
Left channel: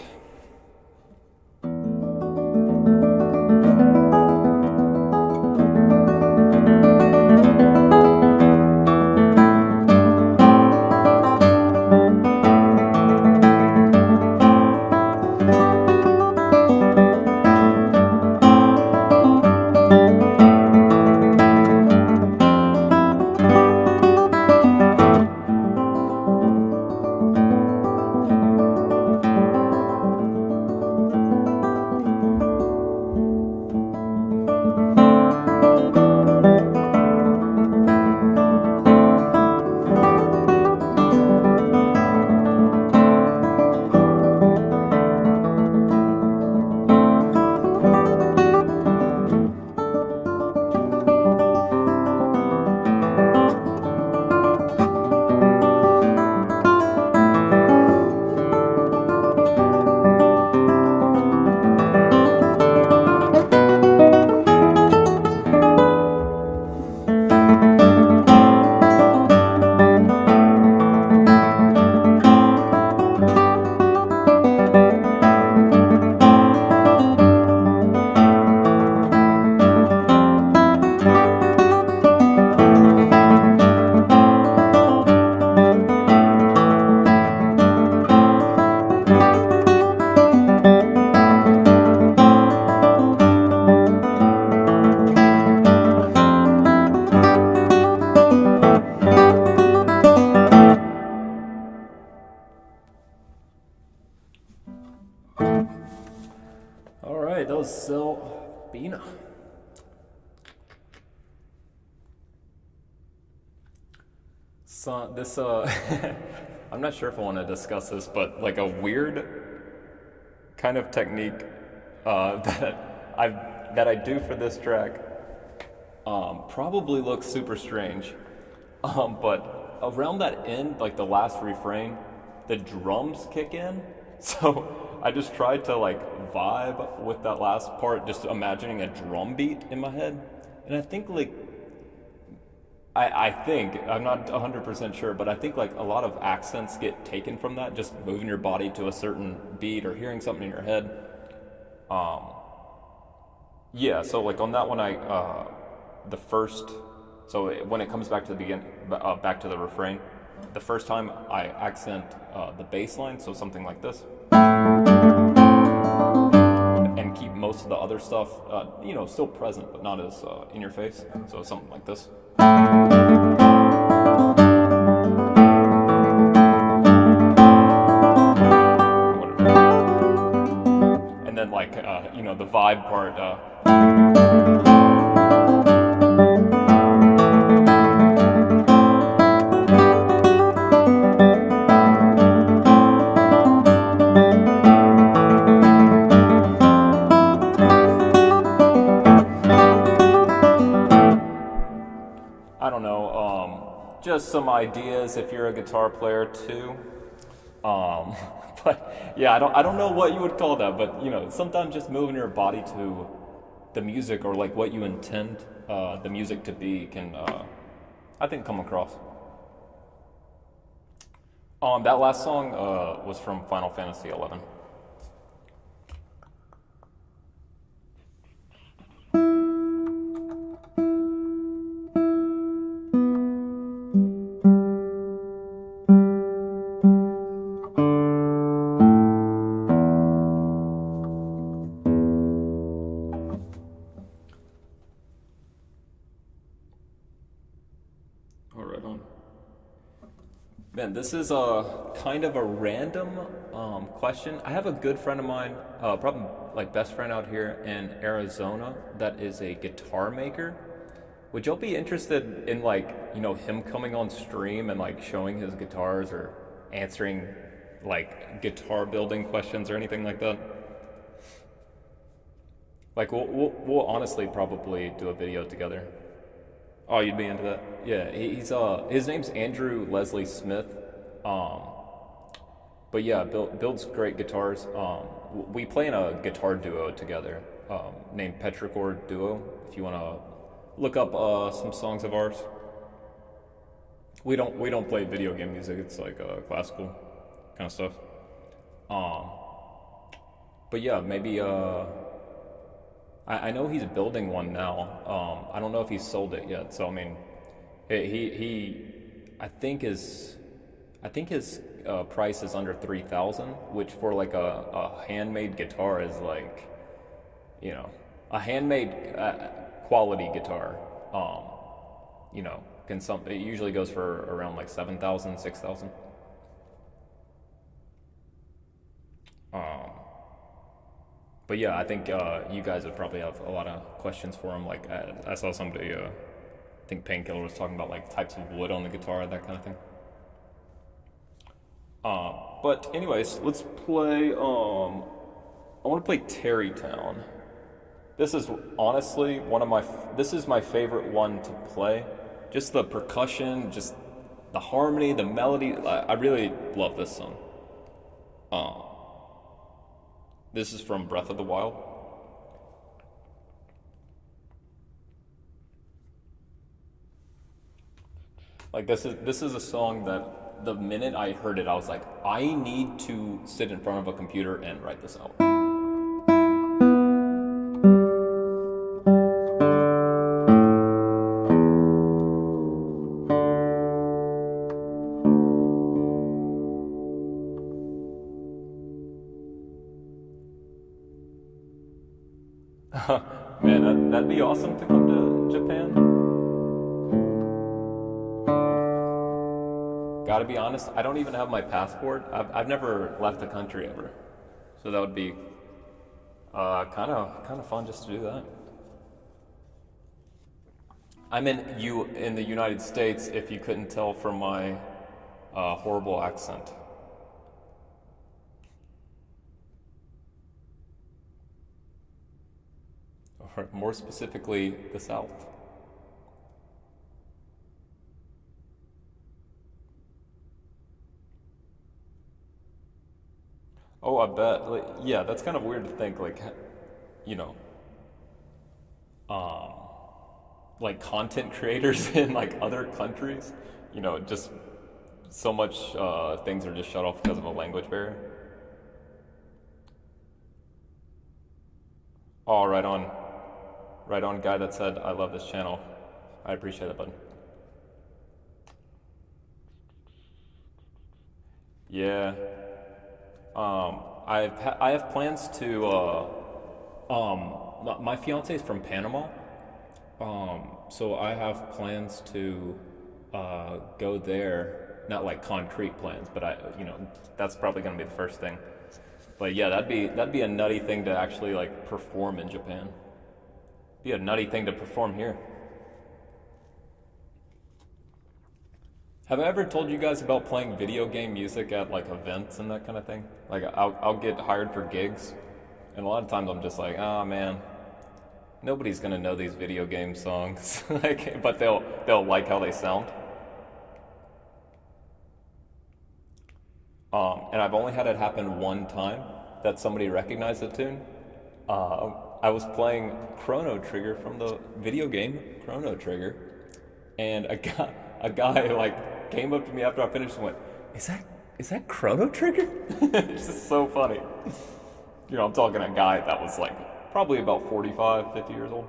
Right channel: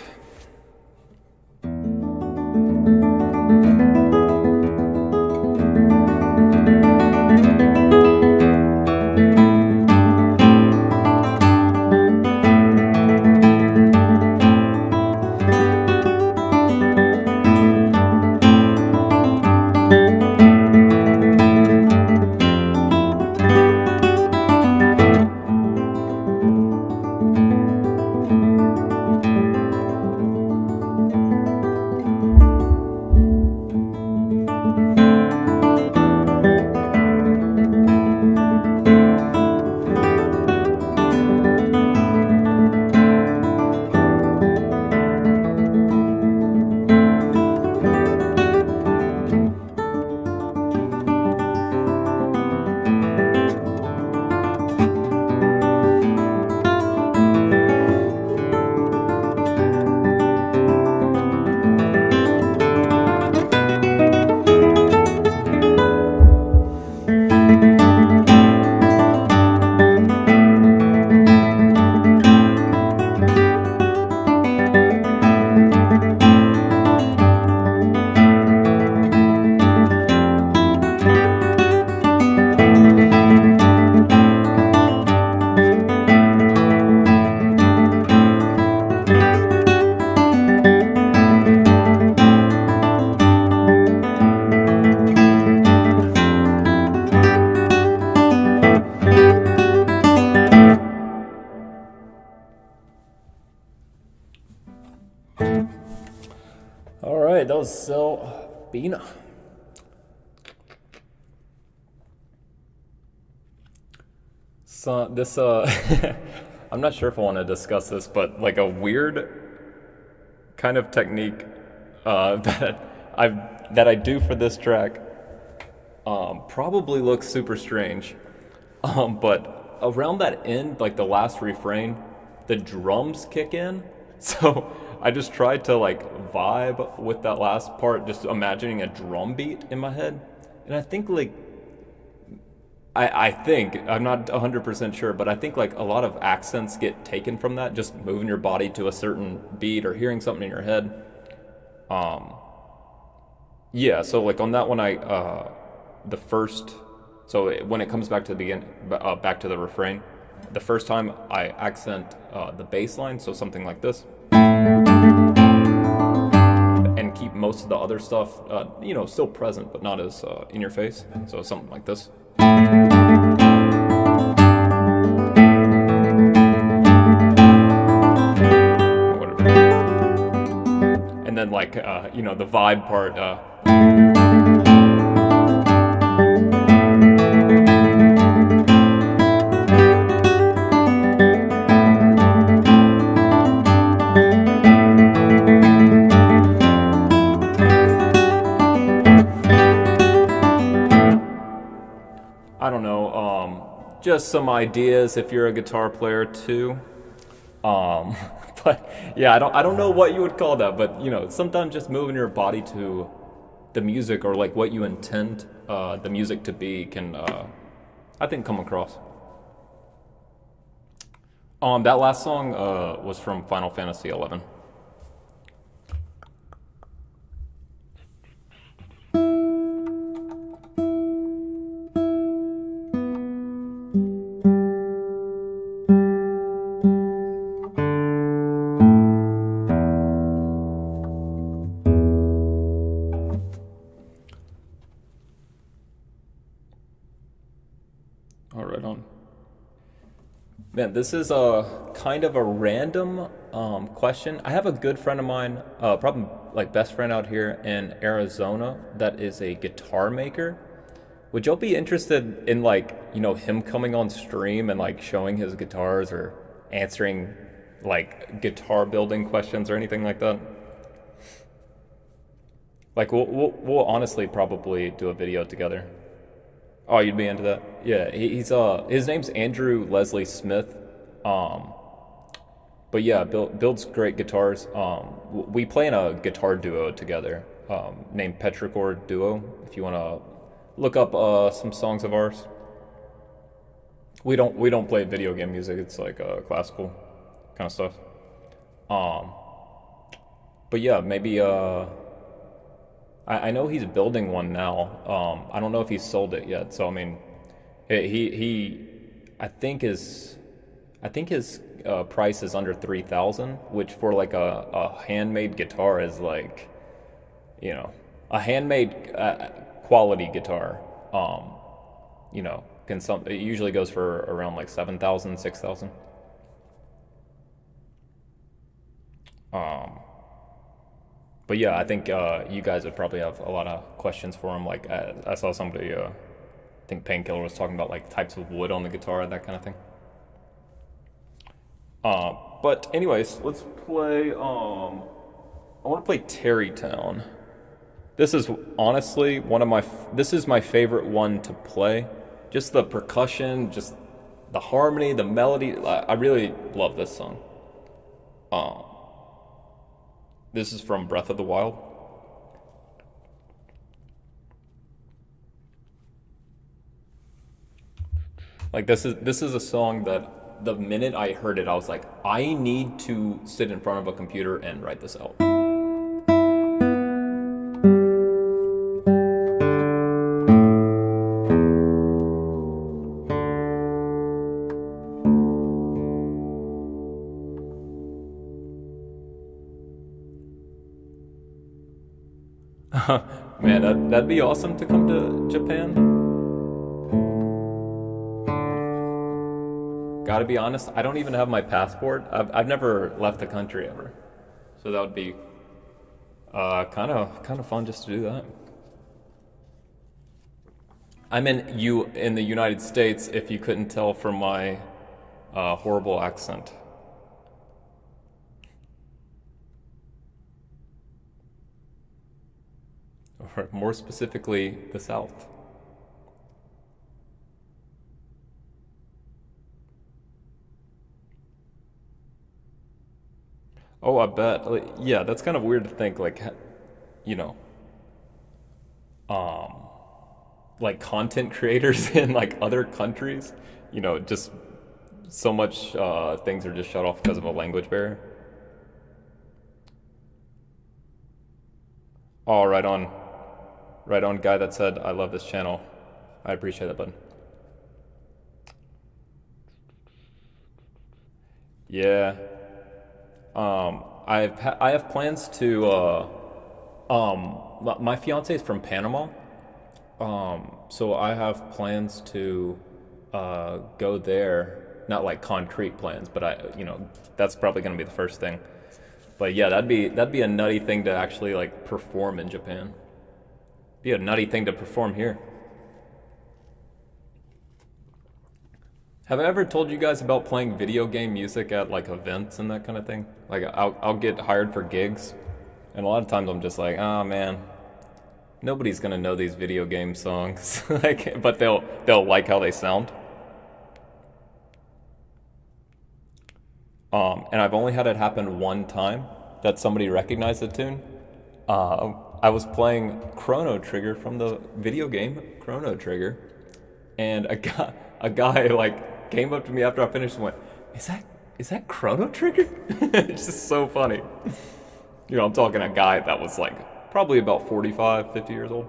Alright, that was Zelda. So this I'm not sure if I want to discuss this, but like a weird kind of technique that I do for this track probably looks super strange. But around that end, like the last refrain, the drums kick in. So I just tried to like vibe with that last part, just imagining a drum beat in my head. And I think like, I think, I'm not 100% sure, but I think like a lot of accents get taken from that, just moving your body to a certain beat or hearing something in your head. Yeah, so like on that one, so when it comes back to the beginning, back to the refrain, the first time I accent the bass line, so something like this, and keep most of the other stuff, still present, but not as in your face. So something like this. And then like, the vibe part, I don't know, just some ideas if you're a guitar player too. But yeah, I don't know what you would call that, but sometimes just moving your body to the music or like what you intend the music to be can I think come across. That last song was from Final Fantasy 11. All right, on. Man, this is a kind of a random question. I have a good friend of mine, probably like best friend out here in Arizona, that is a guitar maker. Would y'all be interested in like, him coming on stream and like showing his guitars or answering like guitar building questions or anything like that? Like we'll honestly probably do a video together. Oh, you'd be into that? Yeah, he's his name's Andrew Leslie Smith. Um, but yeah, builds great guitars. We play in a guitar duo together, named Petrichord Duo. If you want to look up some songs of ours. We don't play video game music. It's like classical kind of stuff. Um, but yeah, maybe I know he's building one now. I don't know if he's sold it yet. So I mean, he I think his price is under 3,000, which for like a handmade guitar is like, a handmade quality guitar. It usually goes for around like 7,000, 6,000. Um, But yeah, I think you guys would probably have a lot of questions for him. Like I saw somebody, I think Painkiller was talking about like types of wood on the guitar, that kind of thing. But anyways, let's play. I want to play Terrytown. This is honestly one of my. This is my favorite one to play. Just the percussion, just the harmony, the melody. I really love this song. Um, this is from Breath of the Wild. Like this is a song that the minute I heard it, I was like, I need to sit in front of a computer and write this out. Man, that'd be awesome to come to Japan. Gotta be honest, I don't even have my passport. I've never left the country ever, so that would be kind of fun just to do that. I'm in the United States. If you couldn't tell from my horrible accent. Or more specifically, the South. Oh, I bet. Like, yeah, that's kind of weird to think. Like, you know, um, like content creators in like other countries. Just so much things are just shut off because of a language barrier. Oh, right on, guy that said I love this channel. I appreciate that, bud. Yeah. I have plans to my fiance is from Panama. So I have plans to go there. Not like concrete plans, but that's probably going to be the first thing. But yeah, that'd be a nutty thing to actually like perform in Japan. Be a nutty thing to perform here. Have I ever told you guys about playing video game music at like events and that kind of thing? Like I'll get hired for gigs, and a lot of times I'm just like, oh man, nobody's gonna know these video game songs, like, but they'll like how they sound. And I've only had it happen one time that somebody recognized the tune. I was playing Chrono Trigger from the video game Chrono Trigger, and a guy like came up to me after I finished and went, is that Chrono Trigger? It's just so funny. You know, I'm talking a guy that was like probably about 45, 50 years old.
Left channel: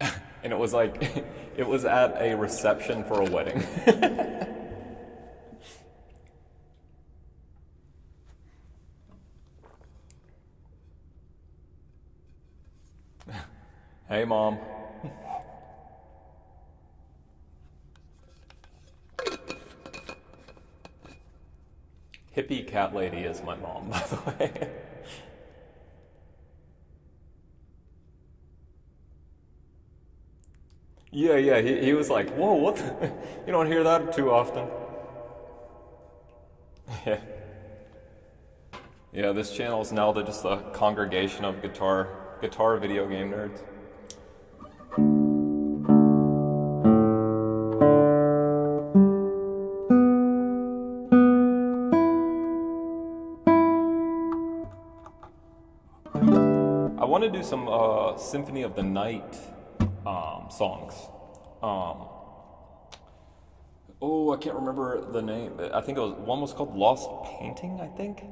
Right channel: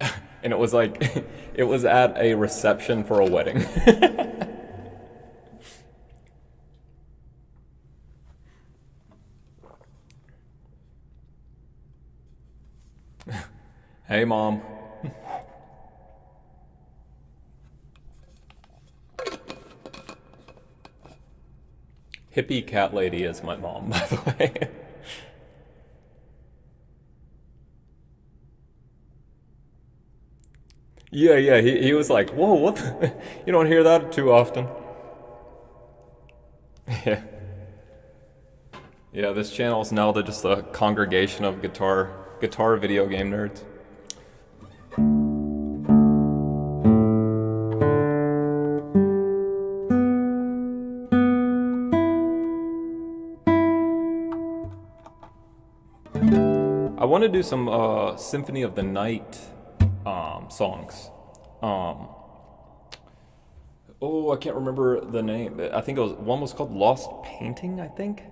And it was like, it was at a reception for a wedding. Hey, Mom. Hippie cat lady is my mom, by the way. Yeah, he was like, whoa, what the? You don't hear that too often. Yeah. Yeah, this channel is now just a congregation of guitar video game nerds. I want to do some Symphony of the Night songs. Oh, I can't remember the name, but I think one was called Lost Painting, I think.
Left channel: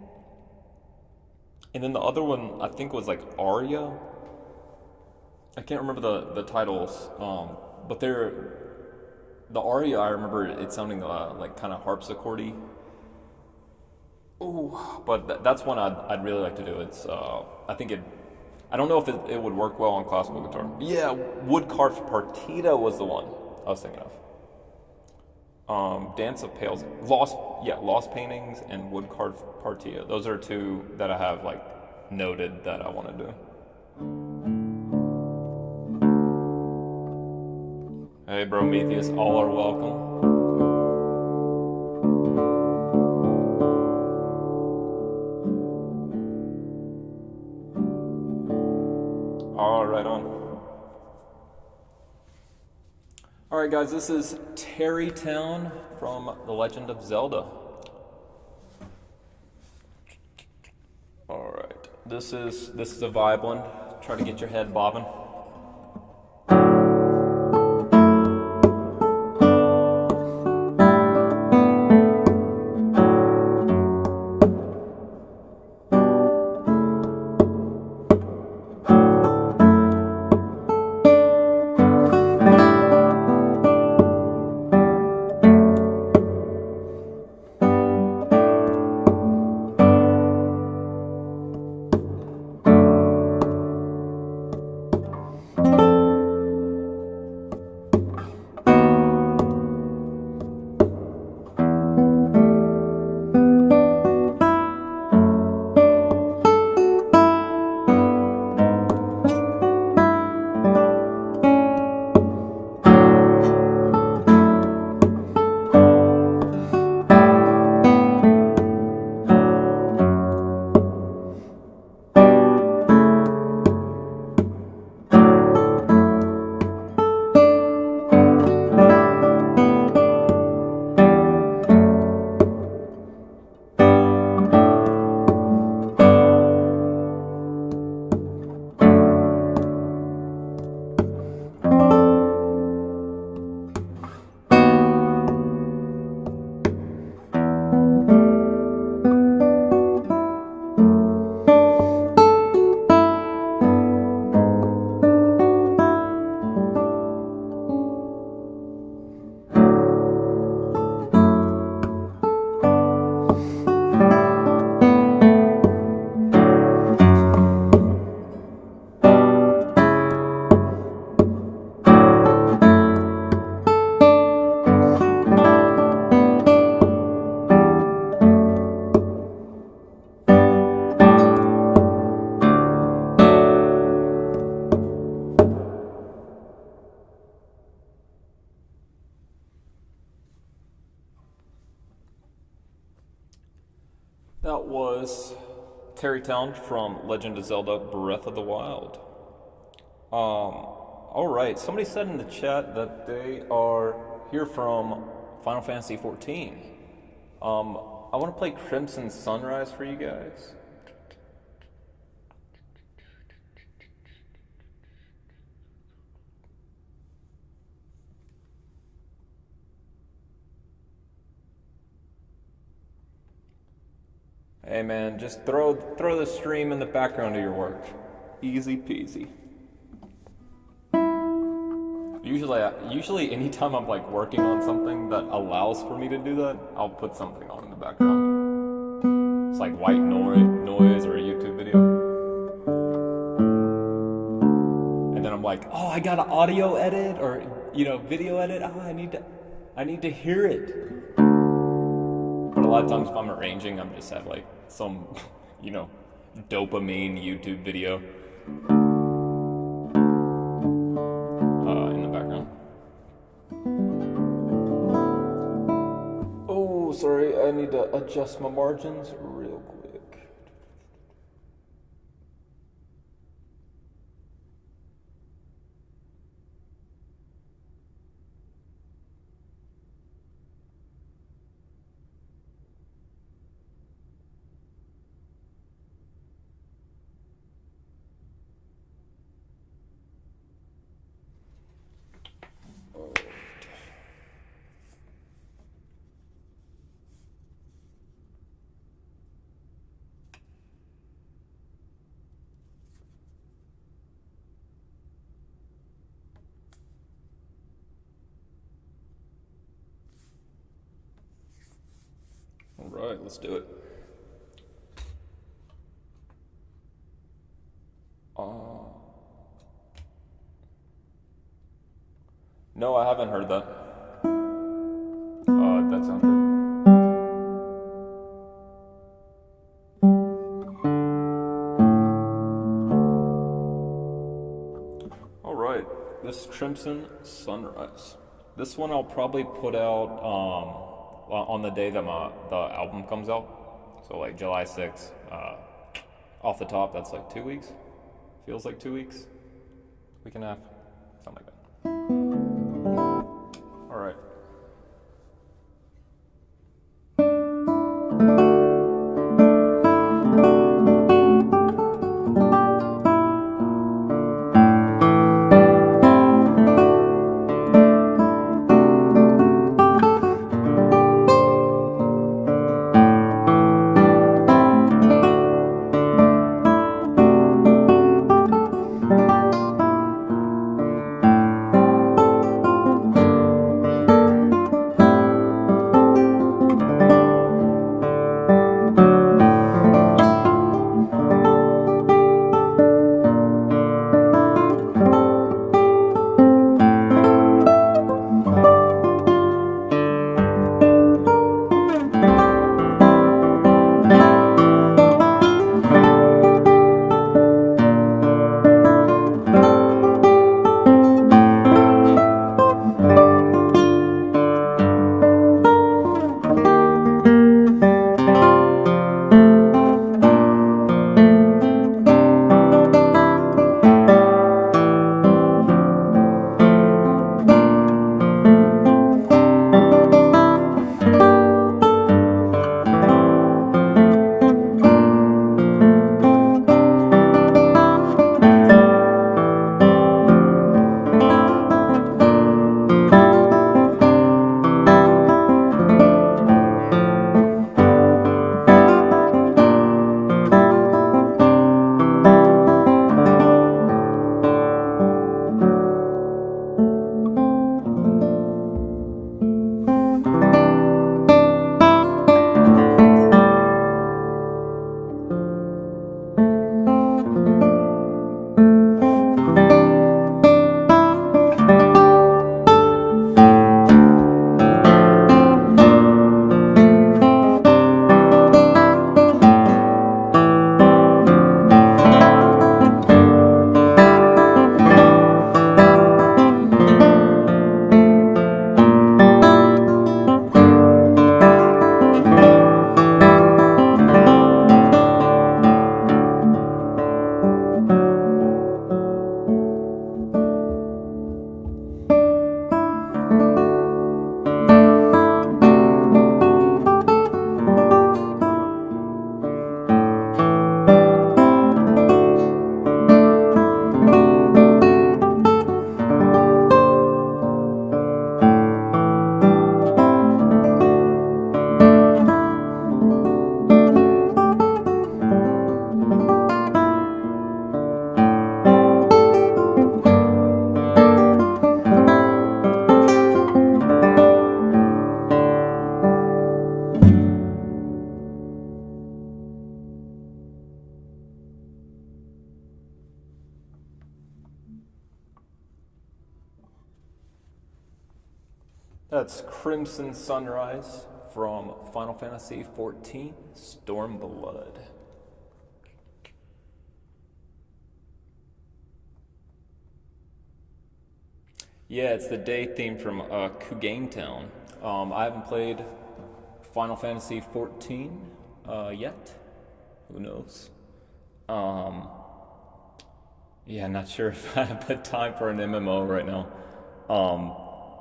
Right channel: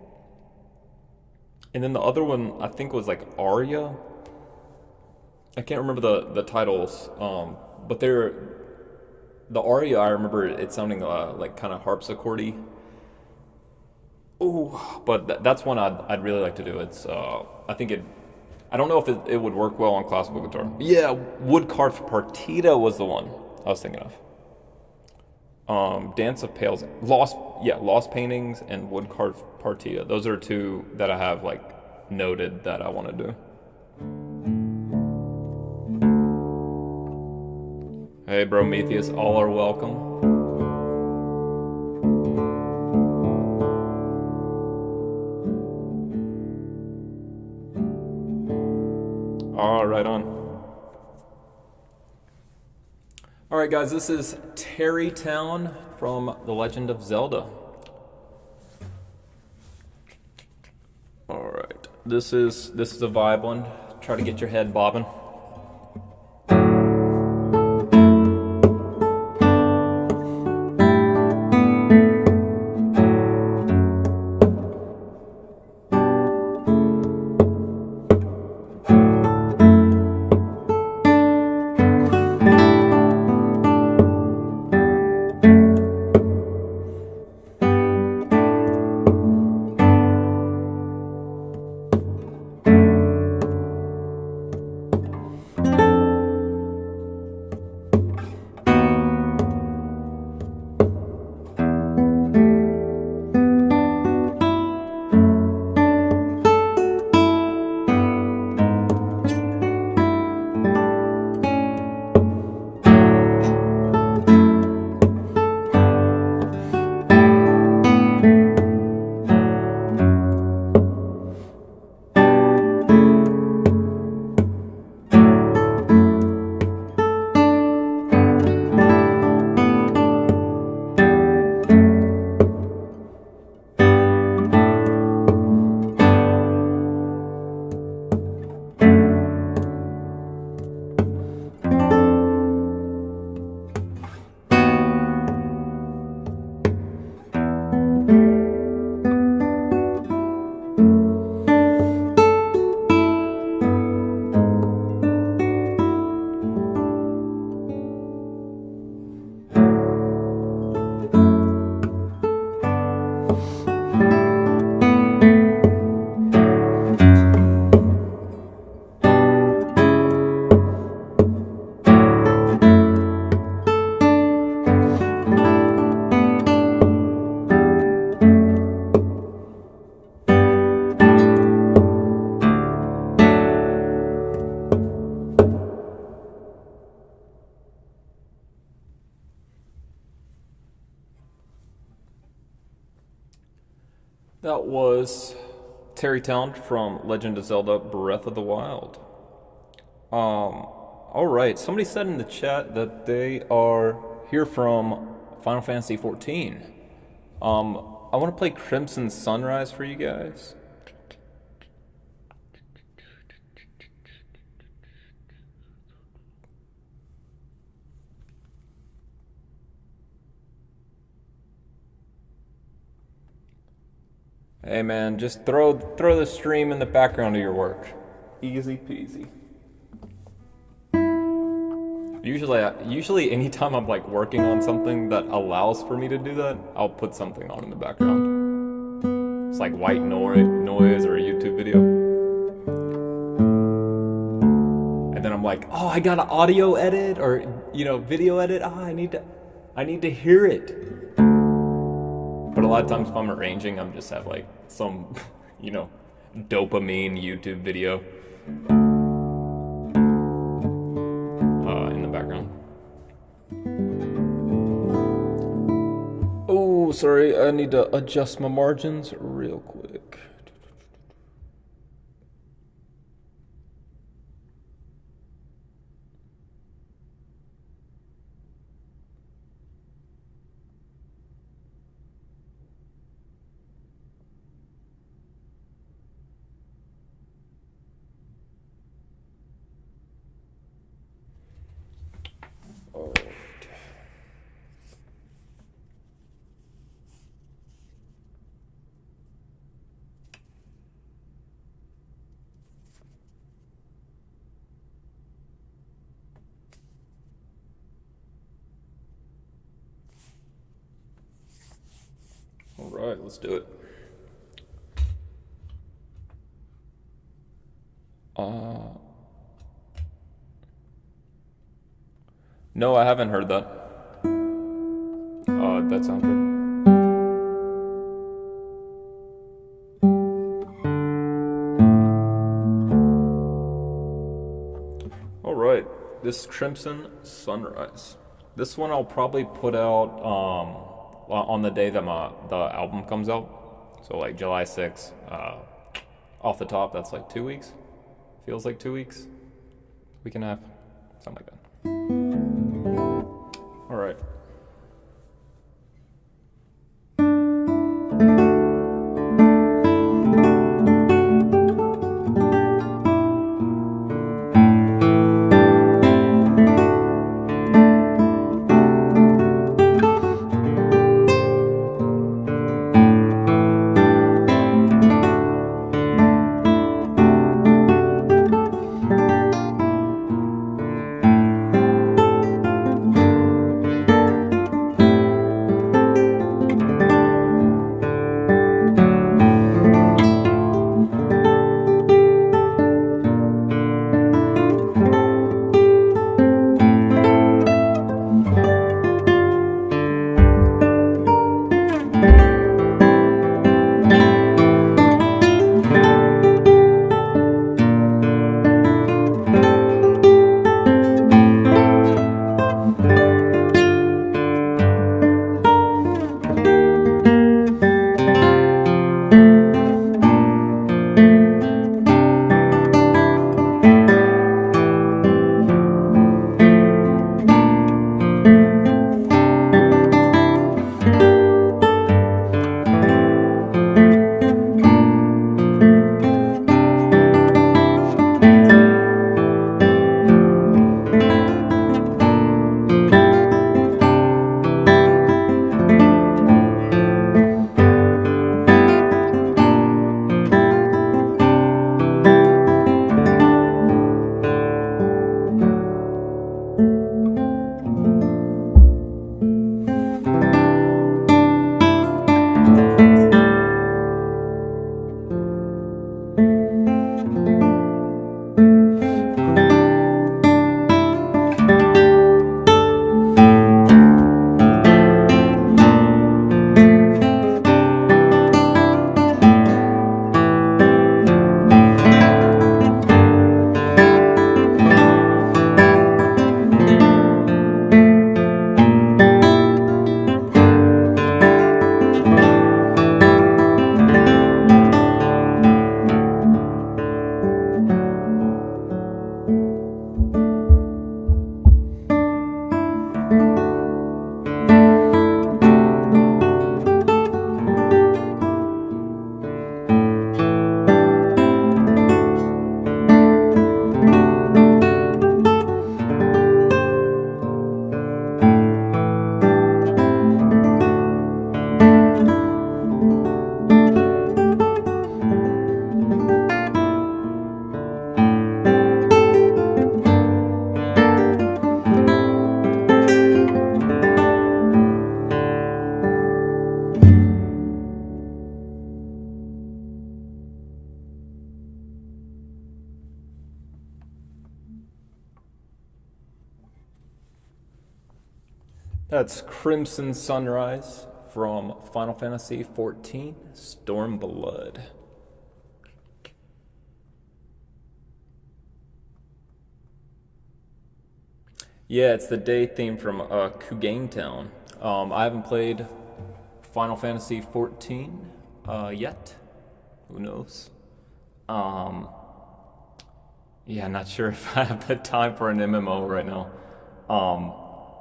And then the other one, I think, was like Aria. I can't remember the titles, but the Aria, I remember it sounding like kind of harpsichordy. Oh, but that's one I'd really like to do. It's I don't know if it would work well on classical guitar. Yeah, Wood Carved Partita was the one I was thinking of. Dance of Pales, Lost Paintings and Wood Carved Partita. Those are two that I have like noted that I want to do. Hey, Prometheus, all are welcome. All right, on. All right, guys, this is Terrytown from The Legend of Zelda. All right, this is a vibe one. Try to get your head bobbing. That was Terrytown from Legend of Zelda Breath of the Wild. Alright, somebody said in the chat that they are here from Final Fantasy XIV. I want to play Crimson Sunrise for you guys. Hey man, just throw the stream in the background of your work. Easy peasy. Usually anytime I'm like working on something that allows for me to do that, I'll put something on in the background. It's like white noise or a YouTube video. And then I'm like, oh, I got an audio edit or video edit. Oh, I need to hear it. But a lot of times if I'm arranging, I'm just have like some, dopamine YouTube video in the background. Oh, sorry, I need to adjust my margins real quick. All right, let's do it. No, I haven't heard that. That sounds good. All right, this Crimson Sunrise. This one I'll probably put out on the day that the album comes out. So like July 6th. Off the top, that's like 2 weeks. Feels like 2 weeks. Week and a half. Something like that. All right. That's Crimson Sunrise from Final Fantasy XIV, Stormblood. Yeah, it's the day theme from Kugain Town. I haven't played Final Fantasy XIV yet. Who knows? Um, yeah, not sure if I have the time for an MMO right now. Um,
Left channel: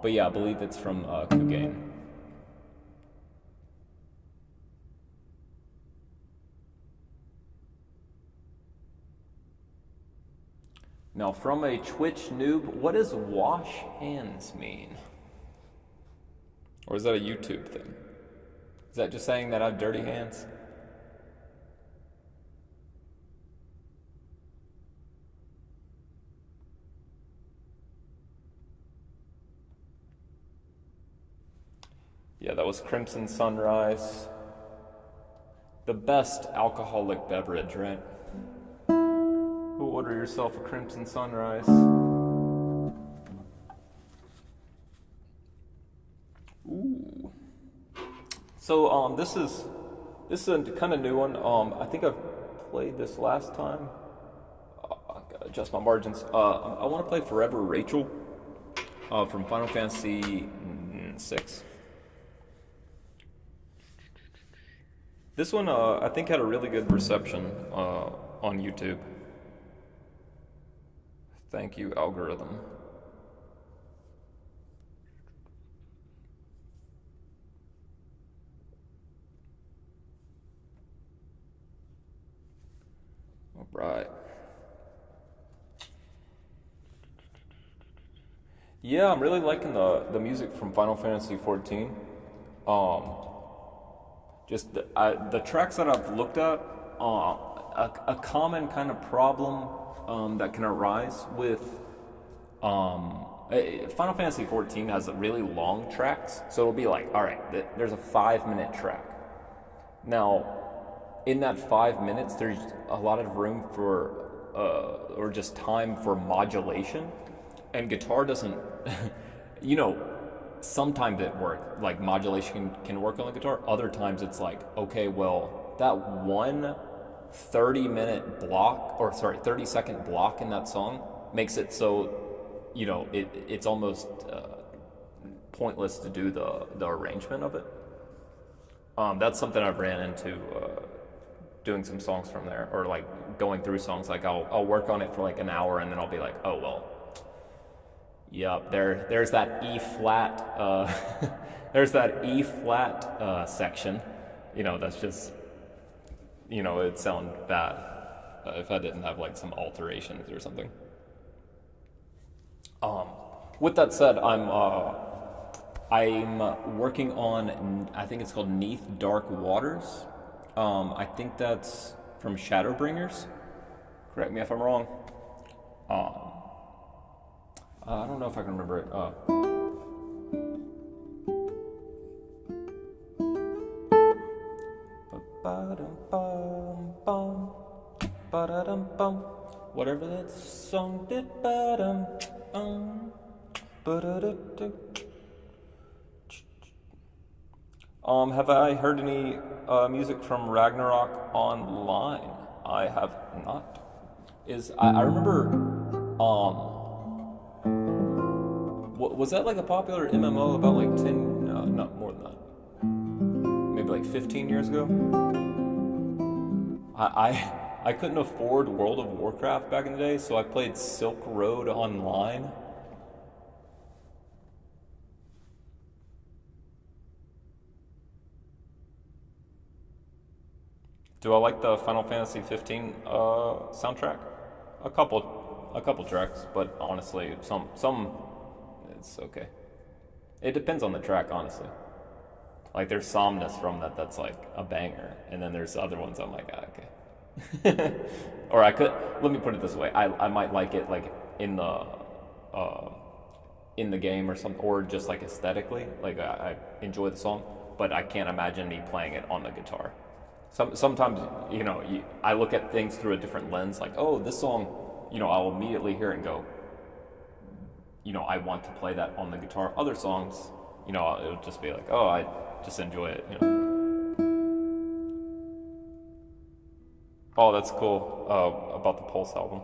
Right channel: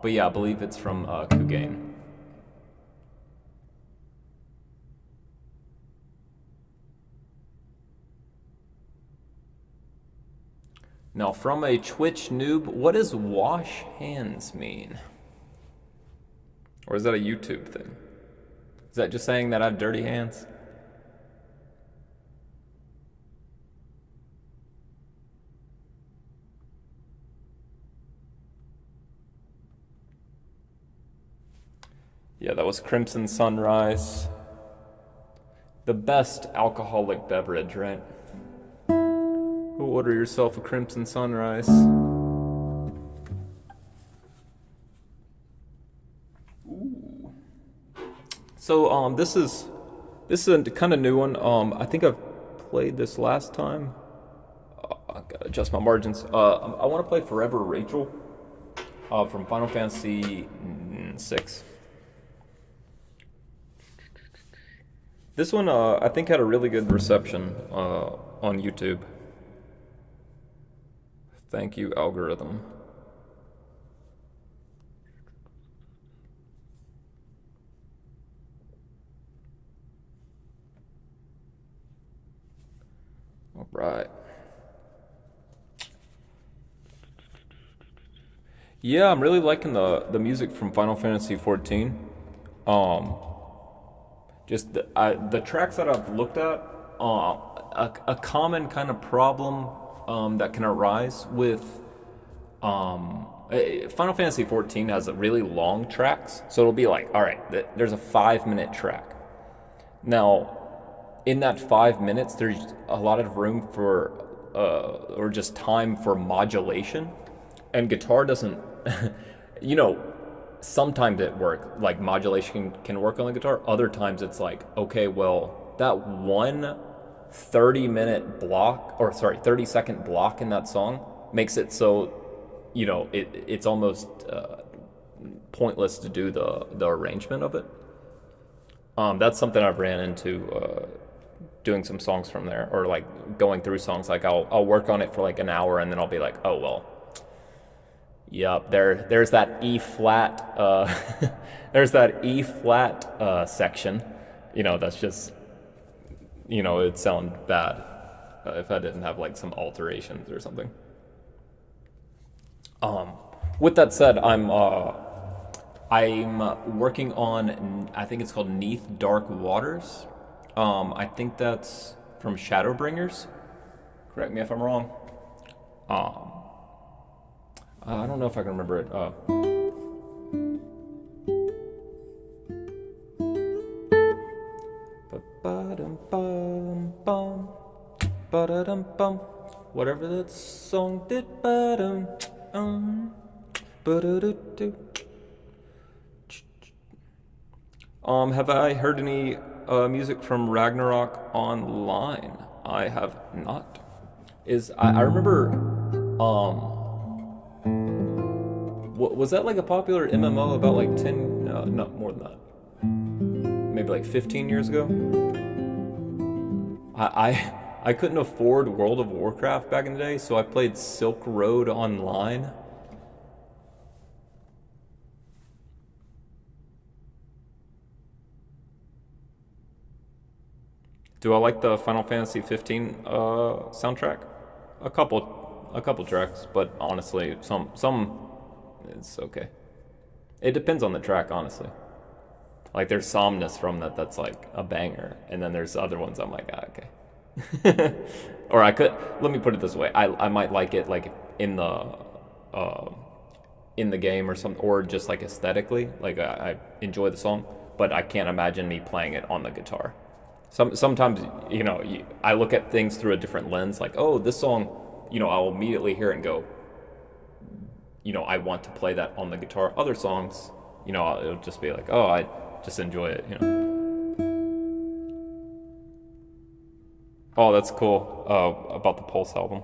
but yeah, I believe it's from Kugain. Now, from a Twitch noob, what does wash hands mean? Or is that a YouTube thing? Is that just saying that I have dirty hands? Yeah, that was Crimson Sunrise. The best alcoholic beverage, right? Order yourself a Crimson Sunrise. Ooh. So this is a kind of new one. I think I've played this last time. I gotta adjust my margins. I want to play Forever Rachel from Final Fantasy VI. This one I think had a really good reception on YouTube. Thank you, algorithm. All right. Yeah, I'm really liking the music from Final Fantasy XIV. Um, just the tracks that I've looked at, a common kind of problem that can arise with Final Fantasy XIV has really long tracks, so it'll be like, all right, there's a 5-minute track. Now, in that 5 minutes, there's a lot of room for or just time for modulation, and guitar doesn't, you know, sometimes it works, like modulation can work on the guitar. Other times it's like, okay, well, that one 30-second block in that song makes it so, you know, it's almost pointless to do the arrangement of it. That's something I've ran into doing some songs from there, or like going through songs. Like I'll work on it for like an hour, and then I'll be like, oh well, yep, there's that E flat there's that E flat section. You know, that's just, you know, it'd sound bad if I didn't have like some alterations or something. With that said, I'm working on, I think it's called Neath Dark Waters. I think that's from Shadowbringers. Correct me if I'm wrong. I don't know if I can remember it. Whatever that song did. Have I heard any music from Ragnarok Online? I have not. I remember was that like a popular MMO about like 10, no, not more than that, maybe like 15 years ago? I couldn't afford World of Warcraft back in the day, so I played Silk Road Online. Do I like the Final Fantasy 15 soundtrack? A couple tracks, but honestly, some it's okay. It depends on the track, honestly. Like there's Somnus from that's like a banger, and then there's other ones I'm like, okay. Or let me put it this way, I might like it like in the game or something, or just like aesthetically, like I enjoy the song, but I can't imagine me playing it on the guitar. Sometimes, you know, I look at things through a different lens, like, oh, this song, you know, I'll immediately hear it and go, you know, I want to play that on the guitar. Other songs, you know, it would just be like, oh, I just enjoy it, you know. Oh, that's cool. About the Pulse album.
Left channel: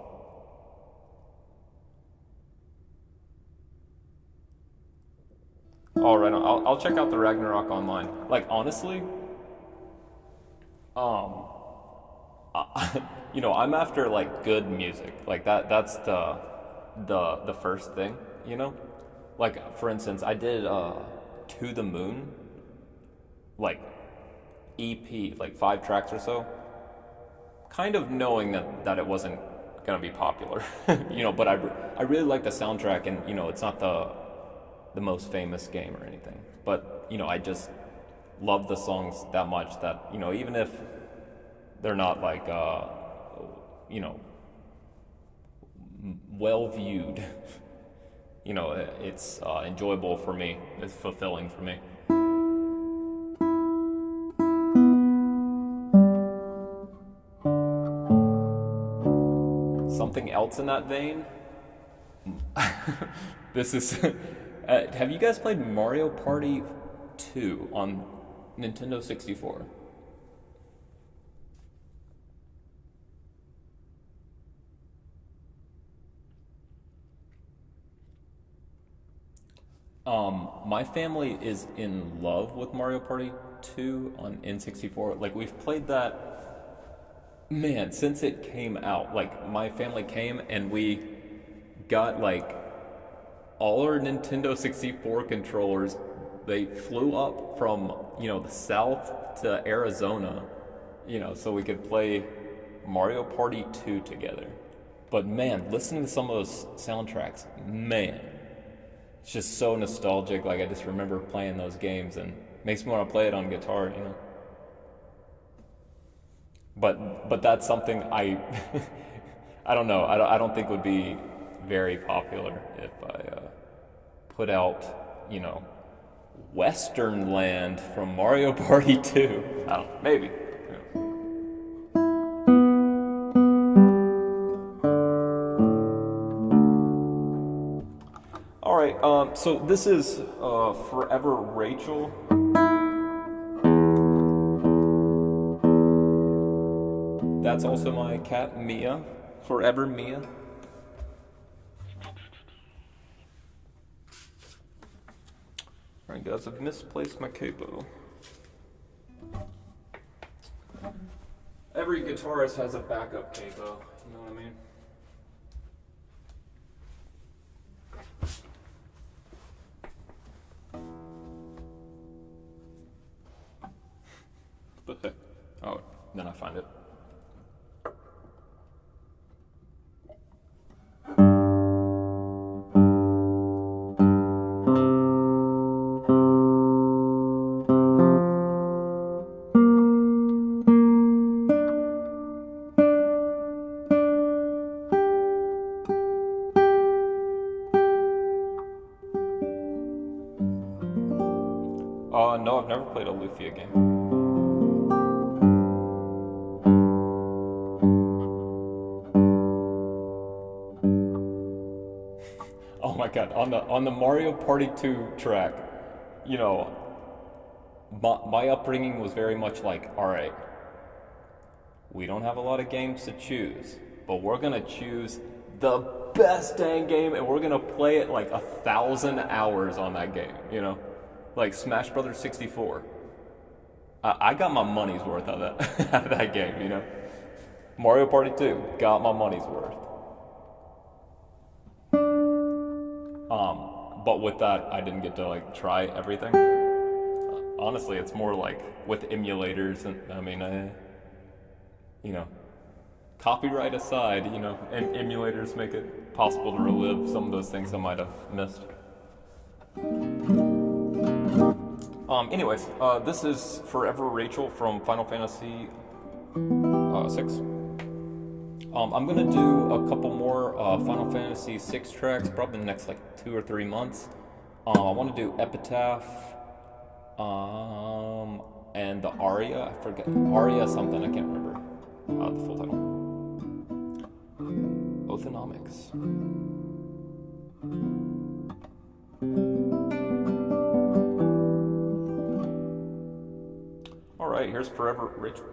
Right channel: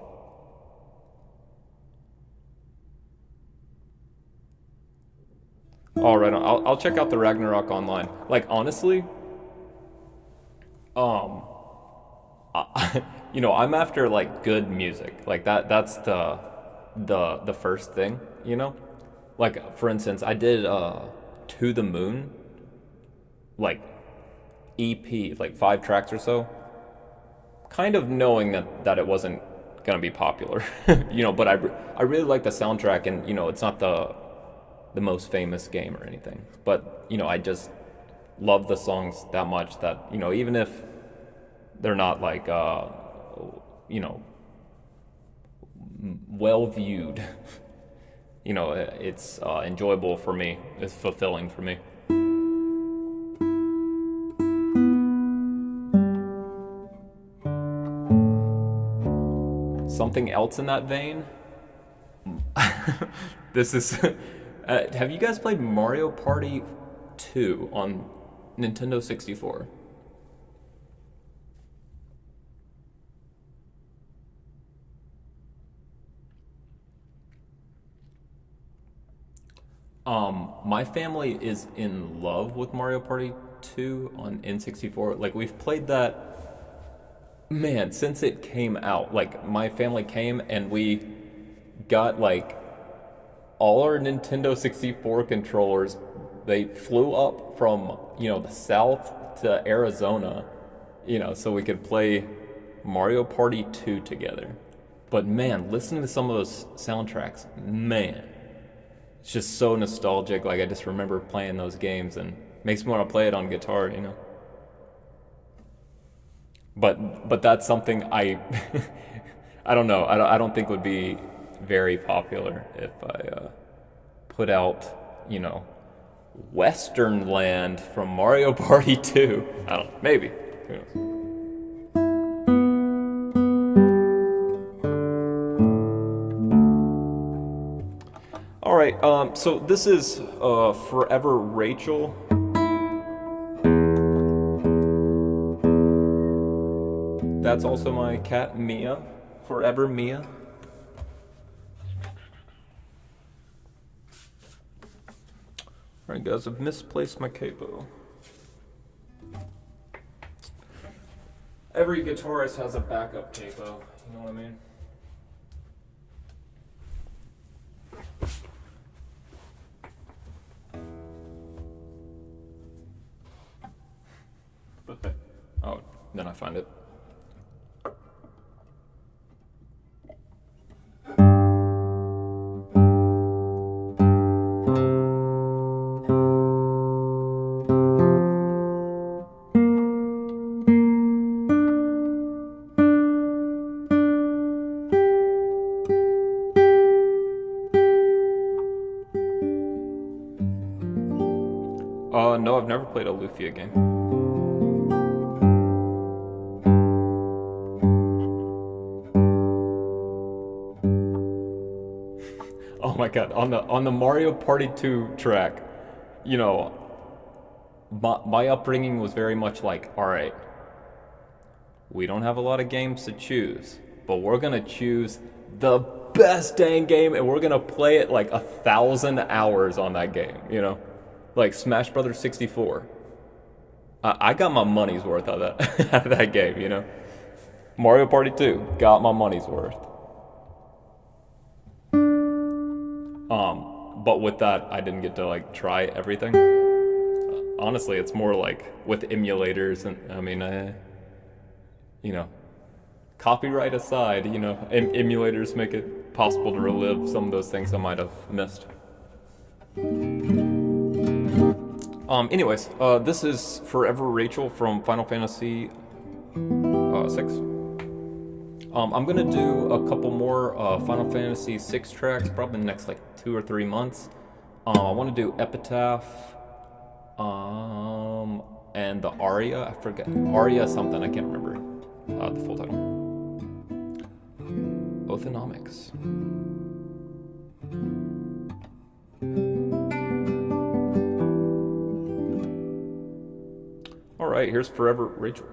All right, I'll check out the Ragnarok online. Like honestly, um, you know, I'm after like good music. Like that's the first thing, you know? Like for instance, I did To the Moon, like EP, like 5 tracks or so, kind of knowing that it wasn't gonna be popular, you know. But I really like the soundtrack, and you know, it's not the most famous game or anything, but you know, I just love the songs that much that you know, even if they're not like you know, well viewed, you know, it's enjoyable for me. It's fulfilling for me. Something else in that vein. This is. Have you guys played Mario Party 2 on Nintendo 64? My family is in love with Mario Party 2 on N64. Like we've played that, man, since it came out. Like my family came and we got like all our Nintendo 64 controllers. They flew up from, you know, the south to Arizona, you know, so we could play Mario Party 2 together. But man, listening to some of those soundtracks, man, it's just so nostalgic. Like I just remember playing those games and makes me want to play it on guitar, you know. But that's something I I don't know. I don't think would be very popular if I put out, you know, Western Land from Mario Party 2. I don't know, maybe. Who knows? All right, so this is Forever Rachel. That's also my cat Mia, Forever Mia. All right, guys, I've misplaced my capo. Every guitarist has a backup capo, you know what I mean? Oh, then I find it. No, I've never played a Lufia game. Oh my god, on the Mario Party 2 track, you know, my upbringing was very much like, all right, we don't have a lot of games to choose, but we're gonna choose the best dang game and we're gonna play it like 1,000 hours on that game, you know? Like Smash Brothers 64. I got my money's worth out of that out of that game, you know. Mario Party 2 got my money's worth. But with that, I didn't get to like try everything. Honestly, it's more like with emulators, and I mean, you know, copyright aside, you know, emulators make it possible to relive some of those things I might have missed. Anyways, this is Forever Rachel from Final Fantasy 6. I'm gonna do a couple more Final Fantasy 6 tracks, probably in the next like 2 or 3 months. I want to do Epitaph, and the Aria. I forget Aria something. I can't remember the full title. Othenomics. right, here's Forever Rachel.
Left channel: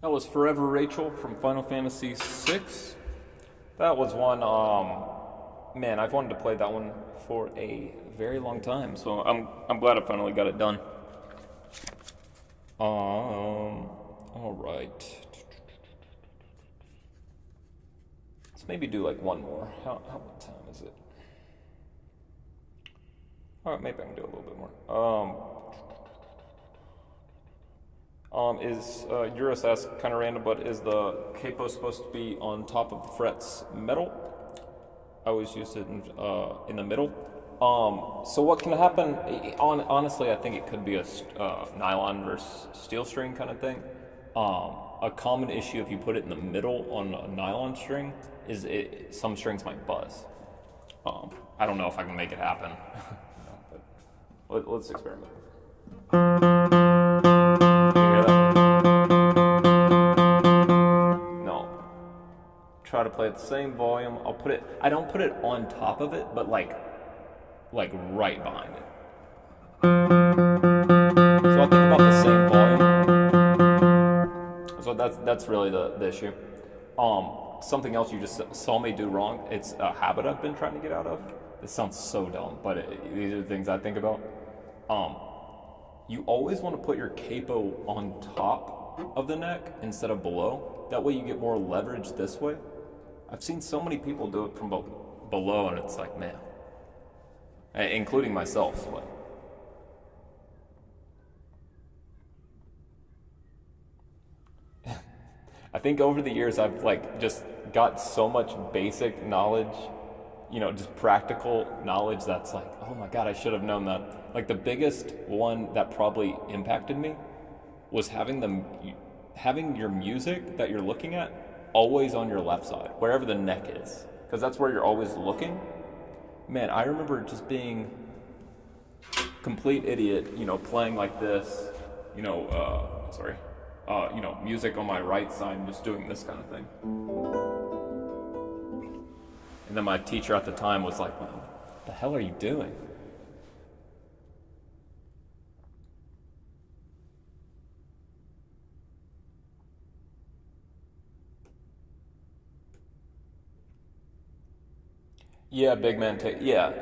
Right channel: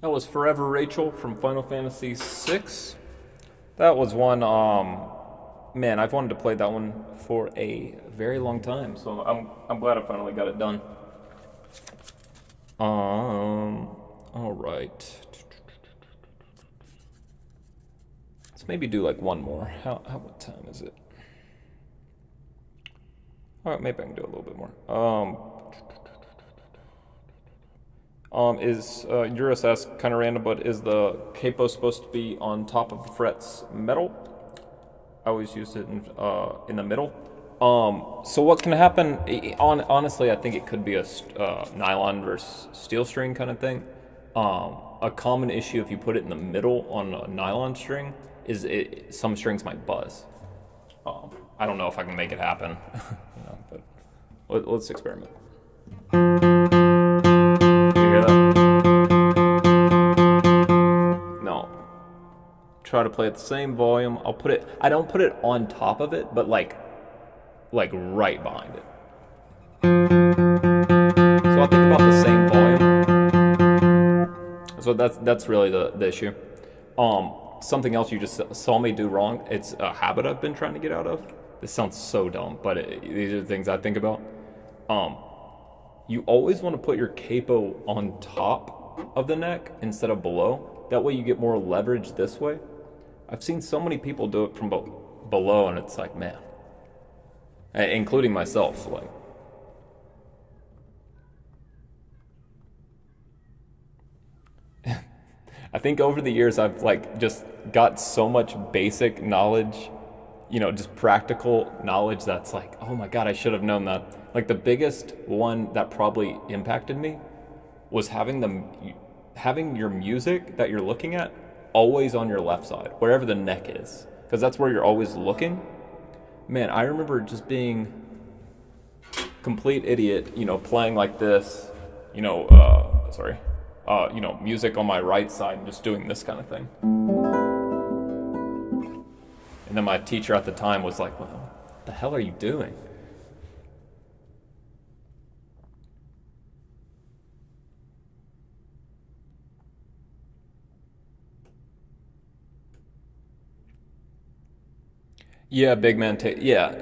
That was Forever Rachel from Final Fantasy VI. That was one, man, I've wanted to play that one for a very long time, so I'm glad I finally got it done. All right. Let's maybe do like one more. What time is it? All right, maybe I can do a little bit more. Is Eurus asks, kind of random, but is the capo supposed to be on top of the frets metal? I always used it in the middle. So what can happen? Honestly, I think it could be a nylon versus steel string kind of thing. A common issue if you put it in the middle on a nylon string is some strings might buzz. I don't know if I can make it happen, but let's experiment. Try to play at the same volume. I don't put it on top of it, but like right behind it. So I think about the same volume. So that's really the issue. Something else you just saw me do wrong. It's a habit I've been trying to get out of. This sounds so dumb, but these are the things I think about. You always want to put your capo on top of the neck instead of below. That way you get more leverage this way. I've seen so many people do it from below, and it's like, man, including myself. So like, I think over the years I've just got so much basic knowledge, just practical knowledge that's like, oh my God, I should have known that. Like the biggest one that probably impacted me was having your music that you're looking at always on your left side, wherever the neck is. because that's where you're always looking. Man, I remember just being complete idiot, playing like this, music on my right side and just doing this kind of thing. And then my teacher at the time was like, well, what the hell are you doing? Yeah, big man. Yeah,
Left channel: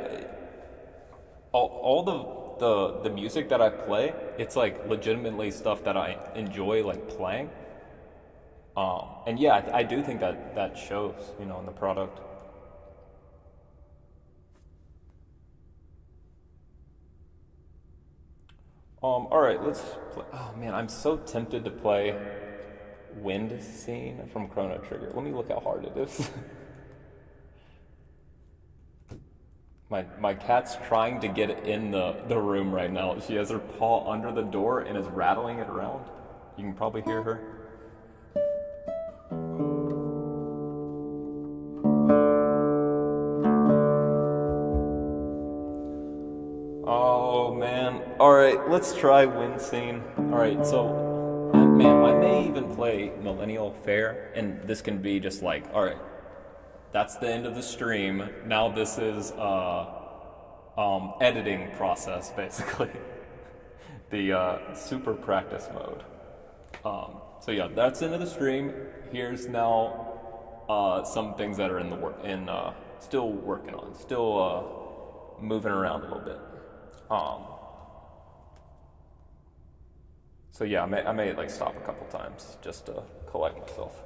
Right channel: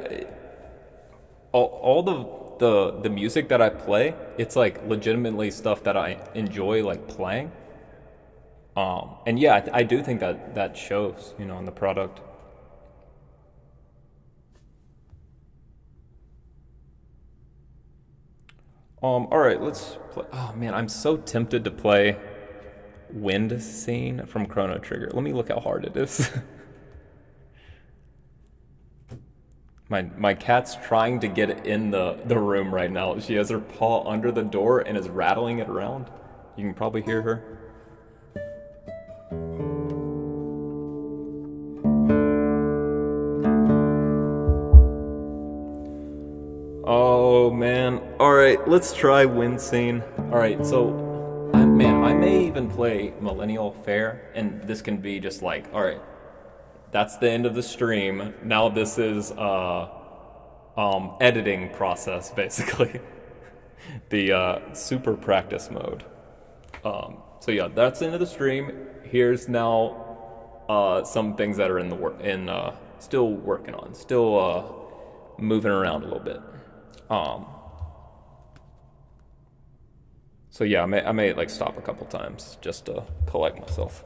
all the music that I play, it's like legitimately stuff that I enjoy like playing. And yeah, I do think that that shows, in the product. All right, let's play. Oh man, I'm so tempted to play Wind Scene from Chrono Trigger. Let me look how hard it is. My cat's trying to get in the room right now. She has her paw under the door and is rattling it around. You can probably hear her. Oh man. Alright, let's try Wind Scene. Alright, so I may even play Millennial Fair, and this can be just like, alright, that's the end of the stream. Now this is editing process, basically. The super practice mode. So yeah, that's the end of the stream. Here's now some things that are in the still working on, still moving around a little bit. So yeah, I may like stop a couple times just to collect myself.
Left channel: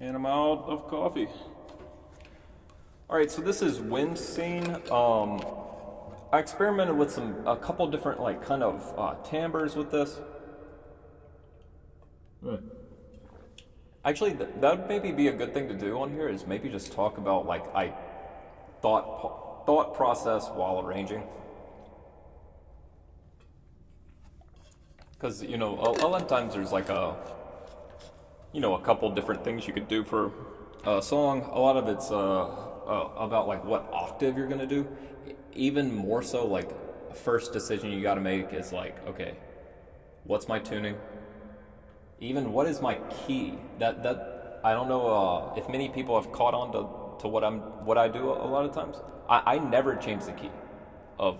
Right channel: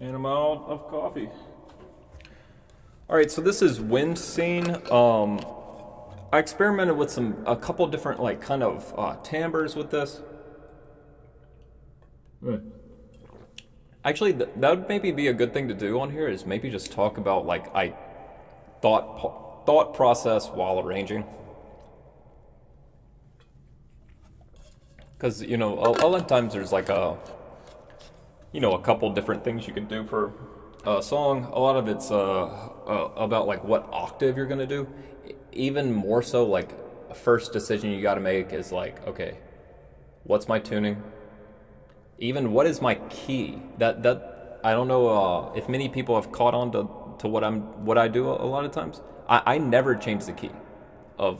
And I'm out of coffee. Alright, so this is Wind Scene. I experimented with a couple different like kind of timbres with this. Right. Actually, that would maybe be a good thing to do on here, is maybe just talk about like thought process while arranging. Because a lot of times there's like a couple different things you could do for a song. A lot of it's about like what octave you're gonna do. Even more so, like a first decision you got to make is like, okay, what's my tuning? Even what is my key? That I don't know if many people have caught on to what I do a lot of times. I never change the key. Of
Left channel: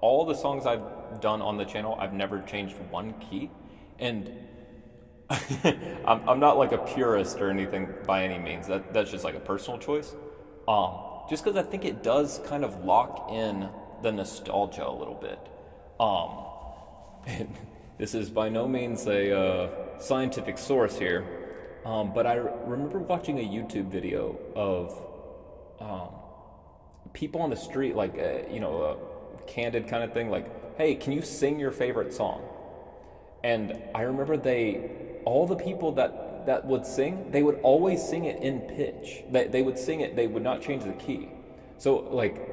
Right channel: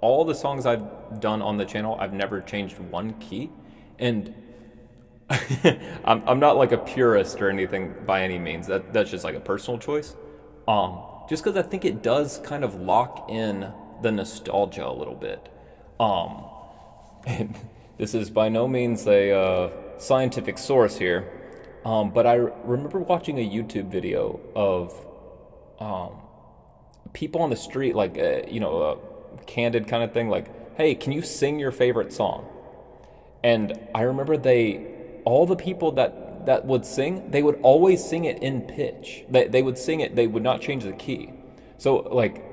all the songs I've done on the channel, I've never changed one key, and I'm not like a purist or anything by any means. That's just like a personal choice. Just because I think it does kind of lock in the nostalgia a little bit. This is by no means a scientific source here, but I remember watching a YouTube video of people on the street, like a candid kind of thing, like, "Hey, can you sing your favorite song?" And I remember all the people that would sing, they would always sing it in pitch. They would sing it, they would not change the key. So like,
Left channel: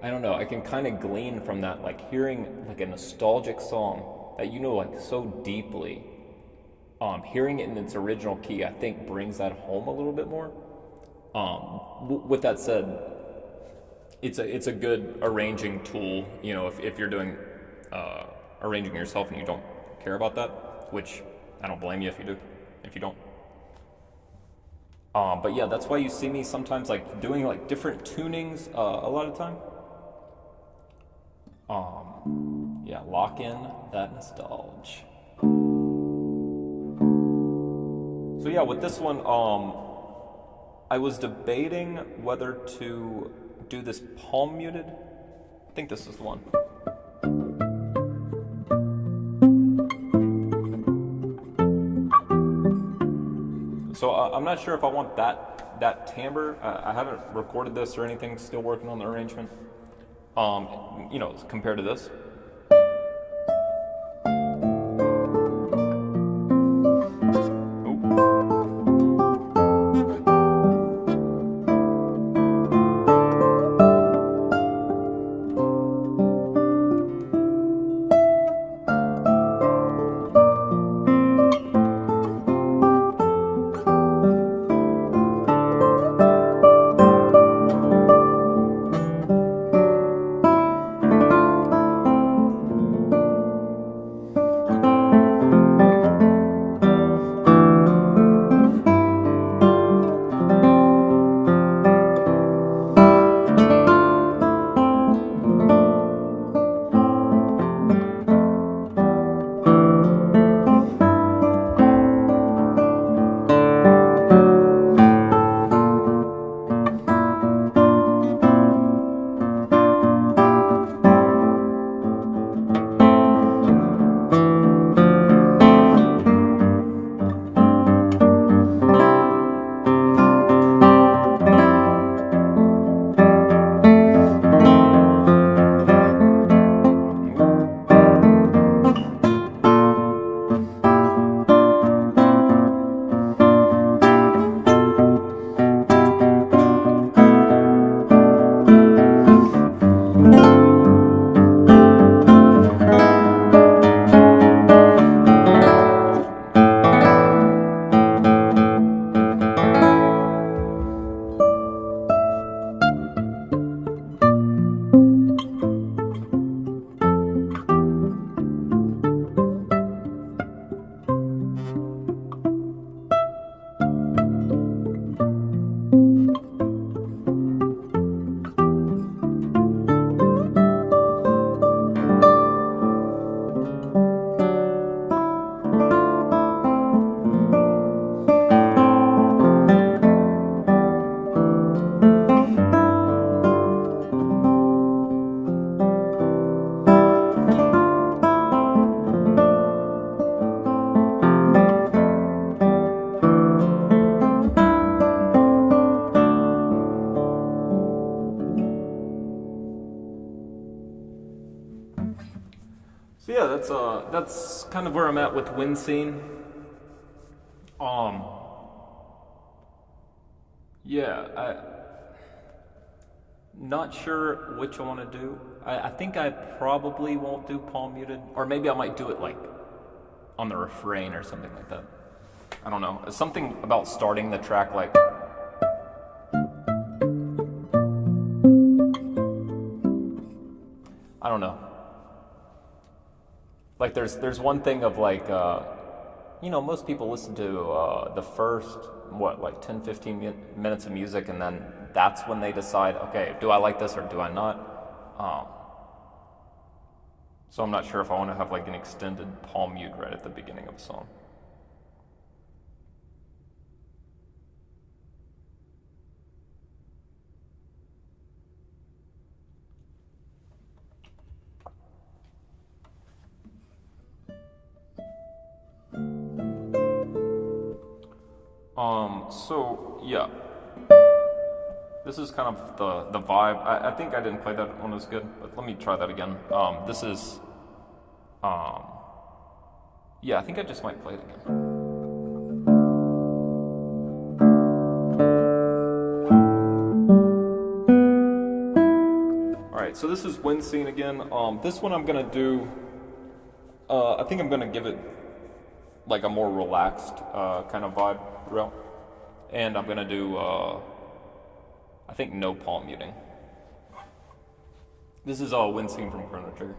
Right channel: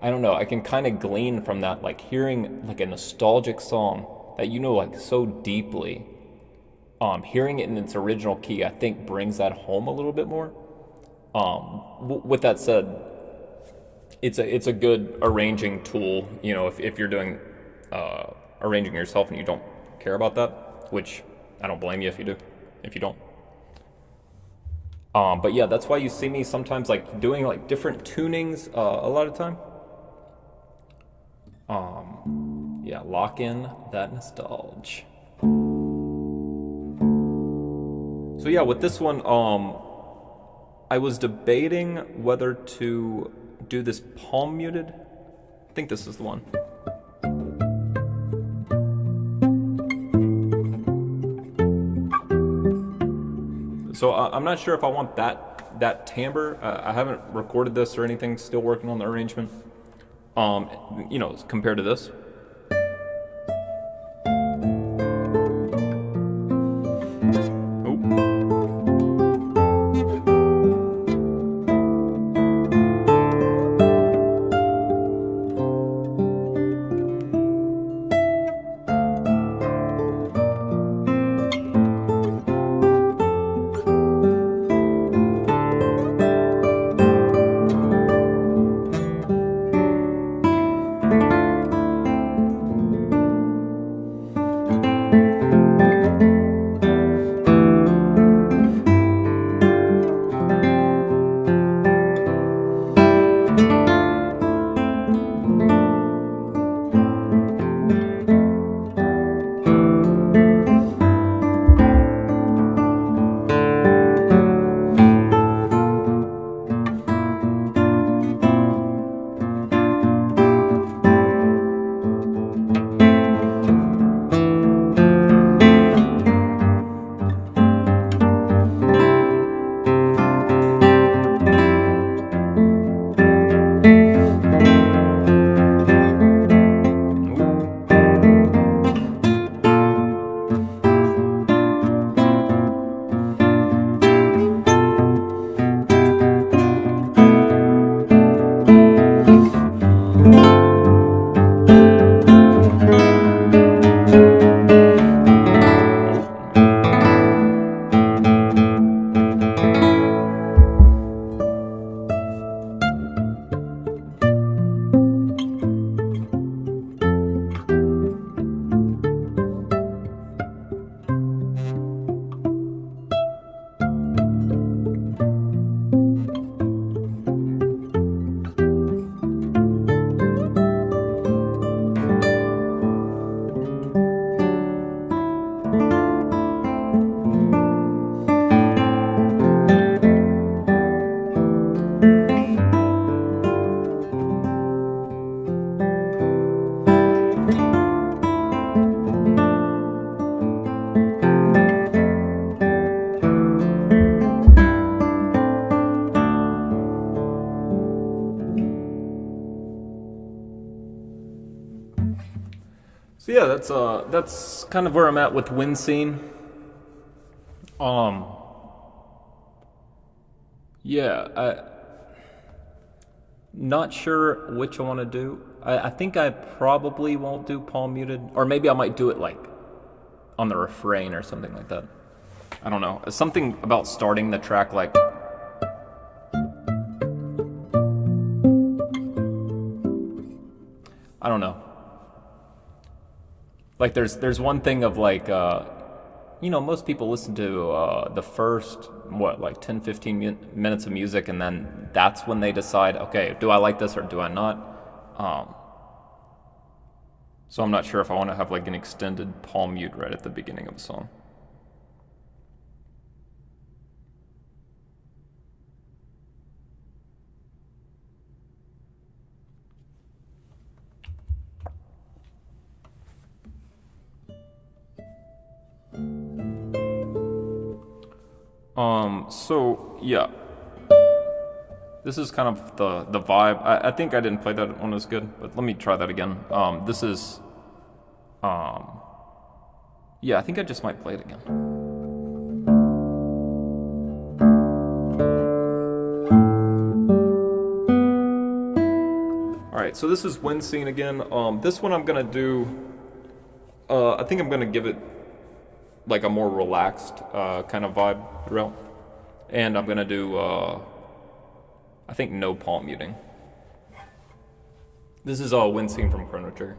I don't know, I can kind of glean from that, like hearing like a nostalgic song that like so deeply, hearing it in its original key, I think brings that home a little bit more. With that said, it's a good arranging tool, if you're doing arranging yourself and you don't care about that, which I don't blame you if you don't. But yeah, that's why you see me sometimes like doing like different tunings a lot of time. Yeah, lock in that nostalgia. So yeah, with this one, I was debating whether to do this palm muted. I think this is the one. So I'm not sure if I want that timbre. I haven't recorded this or anything. Still working on the arrangement. Compared to this. So yeah, that's kind of where I'm at with wind scene. Um, yeah, I not sure which I want to do. I think I probably won't do palm muted, or maybe I might do it like on the refrain or something like that. I don't know. Something about starting the track like I don't know. Like there's one thing of like most people listen to the first what like 10 15 minutes of music, and then that's when they decide, okay, do I like this or do I not? So I'm not sure if I want to have like an extended palm mute right at the beginning of a song. So yeah, this is kind of the vibe. I think I didn't play that one as good, but let me try that again. This is, yeah, I think I just might play it again. All right, so this is wind scene again. This one I'm gonna do. I think I'm gonna give it like a more relaxed kind of vibe throughout, and I'm gonna do. I think no palm muting. This is a wind scene from Chrono Trigger.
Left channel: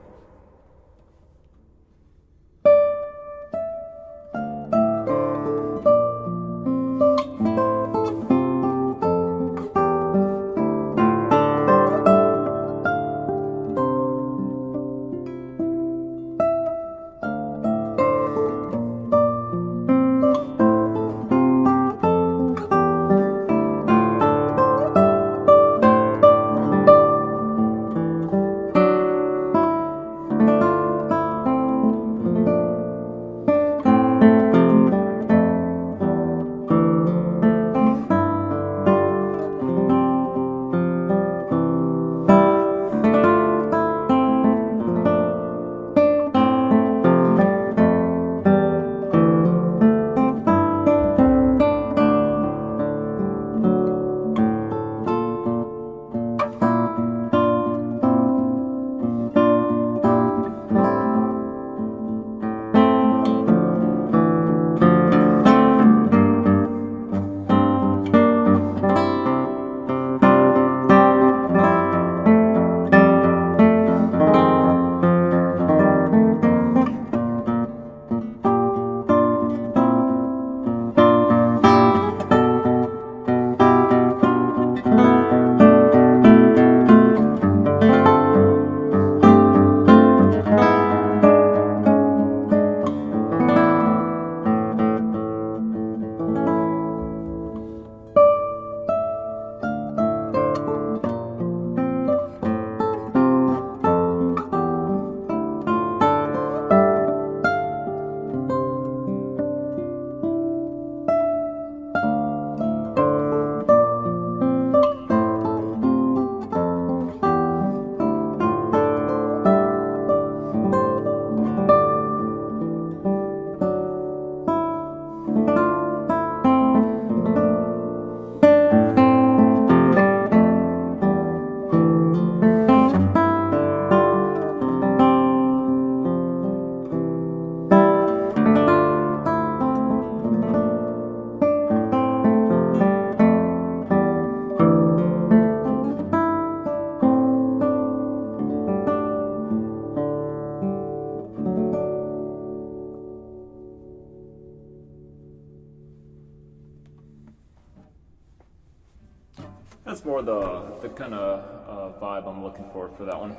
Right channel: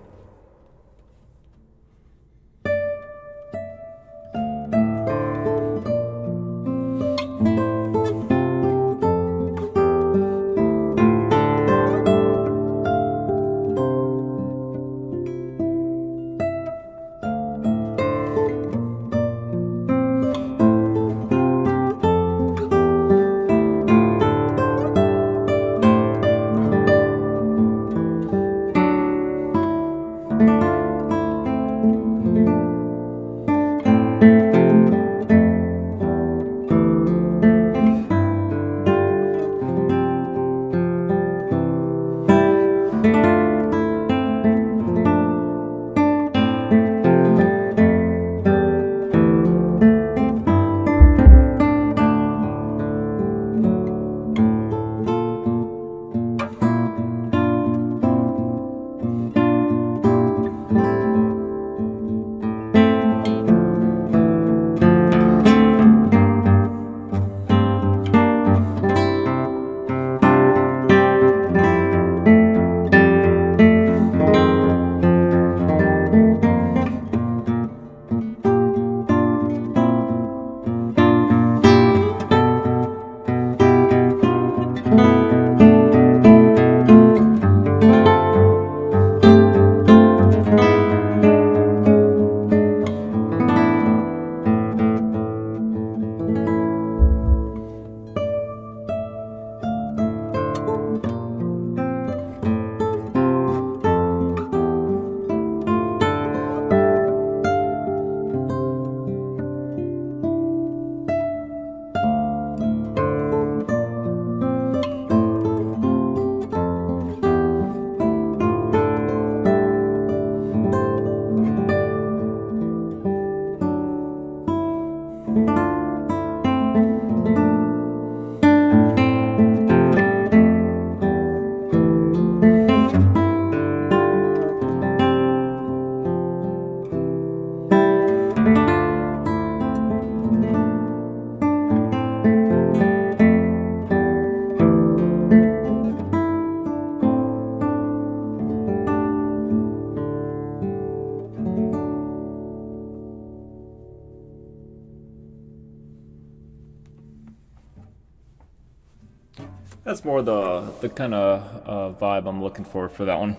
That's more the kind of vibe I'm looking for that one.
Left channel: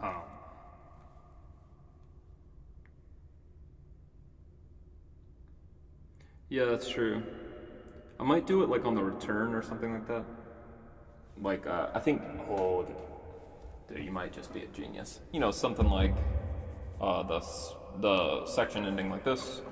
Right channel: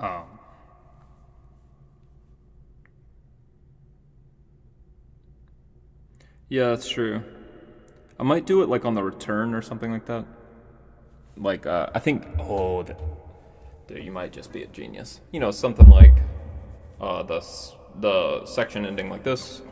Um, yeah, that's true. I might do it like on the return or something like that. Like I think, dude, you might just be a genius. Something like the section ending like this.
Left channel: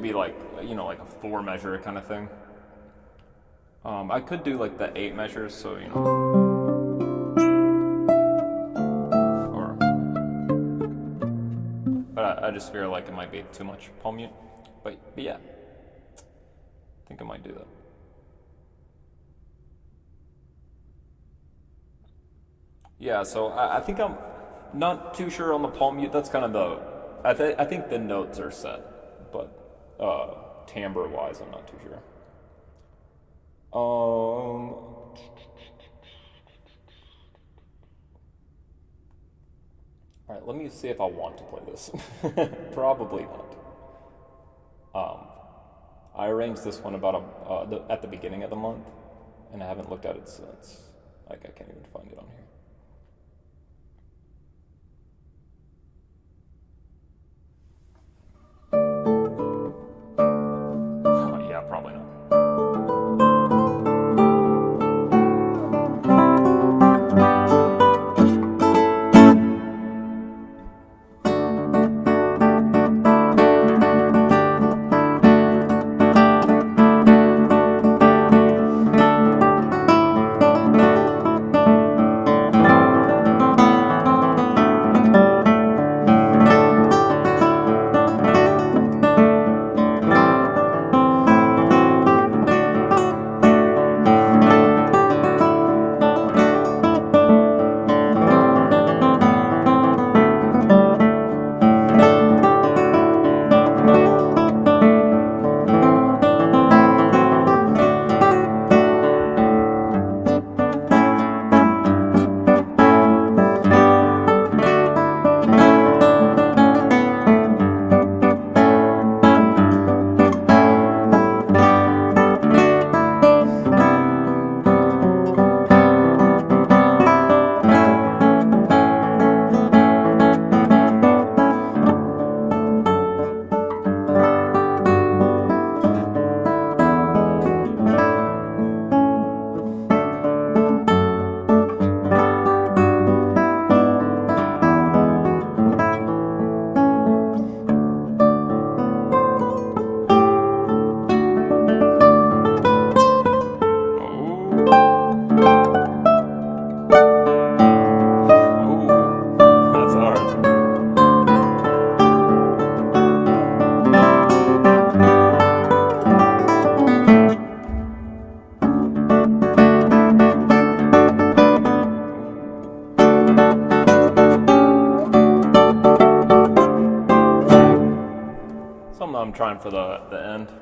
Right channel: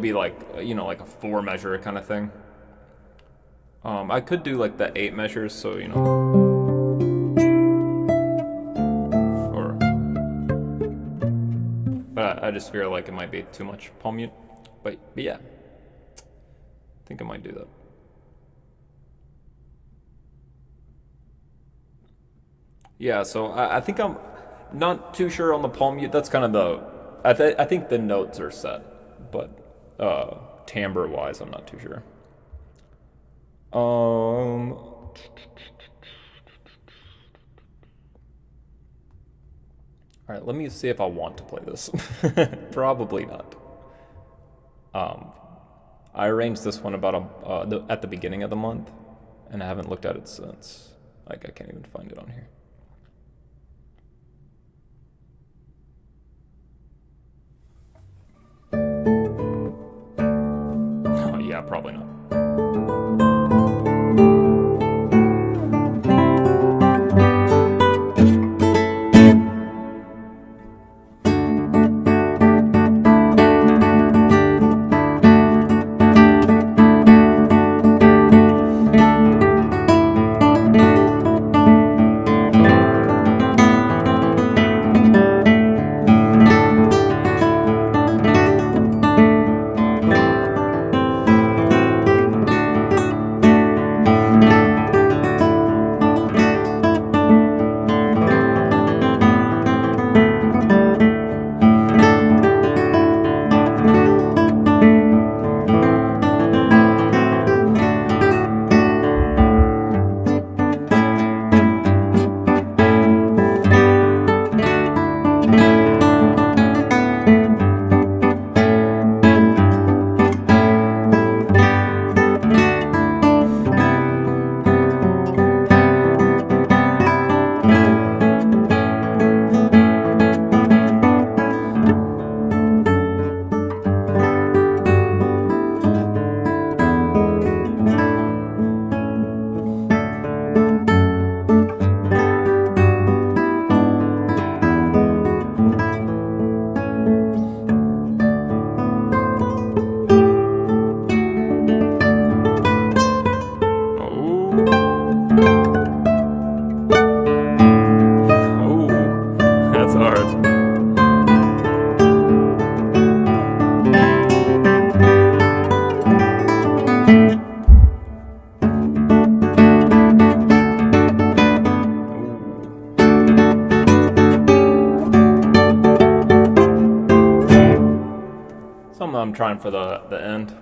maybe like, you know, like a 4 measure kind of thing. I could do like the 8 measures, so, you know. But I just feel like it might be too much palm mute. But yeah, I think I might do that. Yeah, so I think I'm not too sure on the palm mute. That's kind of the, I think the notes are set, but timbre wise, I'm not too sure. All right, let me see if I want to play this. Probably not. I arranged this one about at the beginning of the month, and I haven't looked at it since. Like, I can't even find it on here. Yeah, probably not. I'm trying for the end.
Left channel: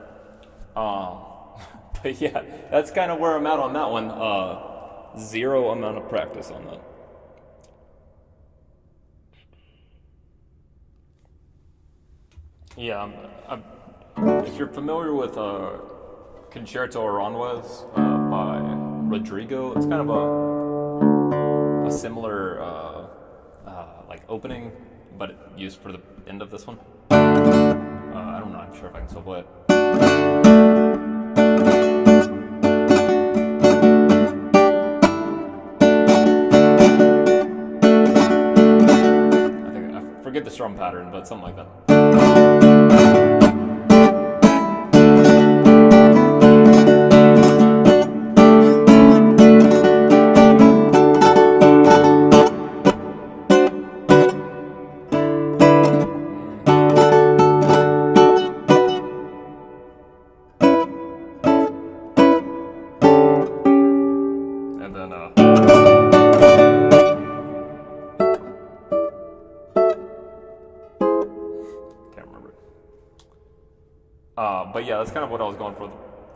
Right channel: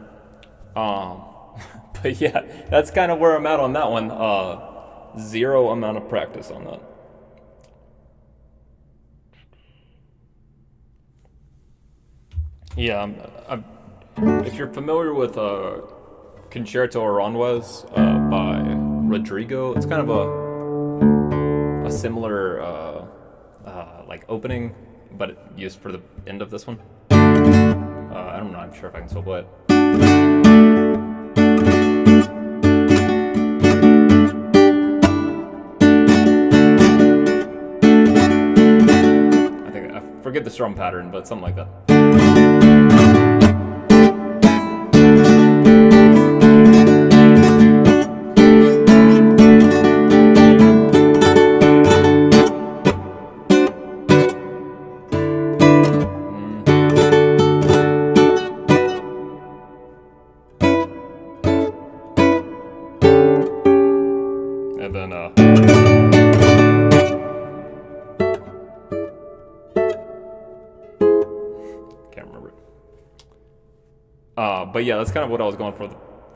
But yeah, that's kind of where I'm at on that one. 0 amount of practice on that. Yeah, if you're familiar with Concerto Aranjuez by Rodrigo, it's kind of a similar like opening, but used for the end of this one. I'm not sure if I can still play it. I forget the strum pattern, but something like that. And then, can't remember it. But yeah, that's kind of what I was going for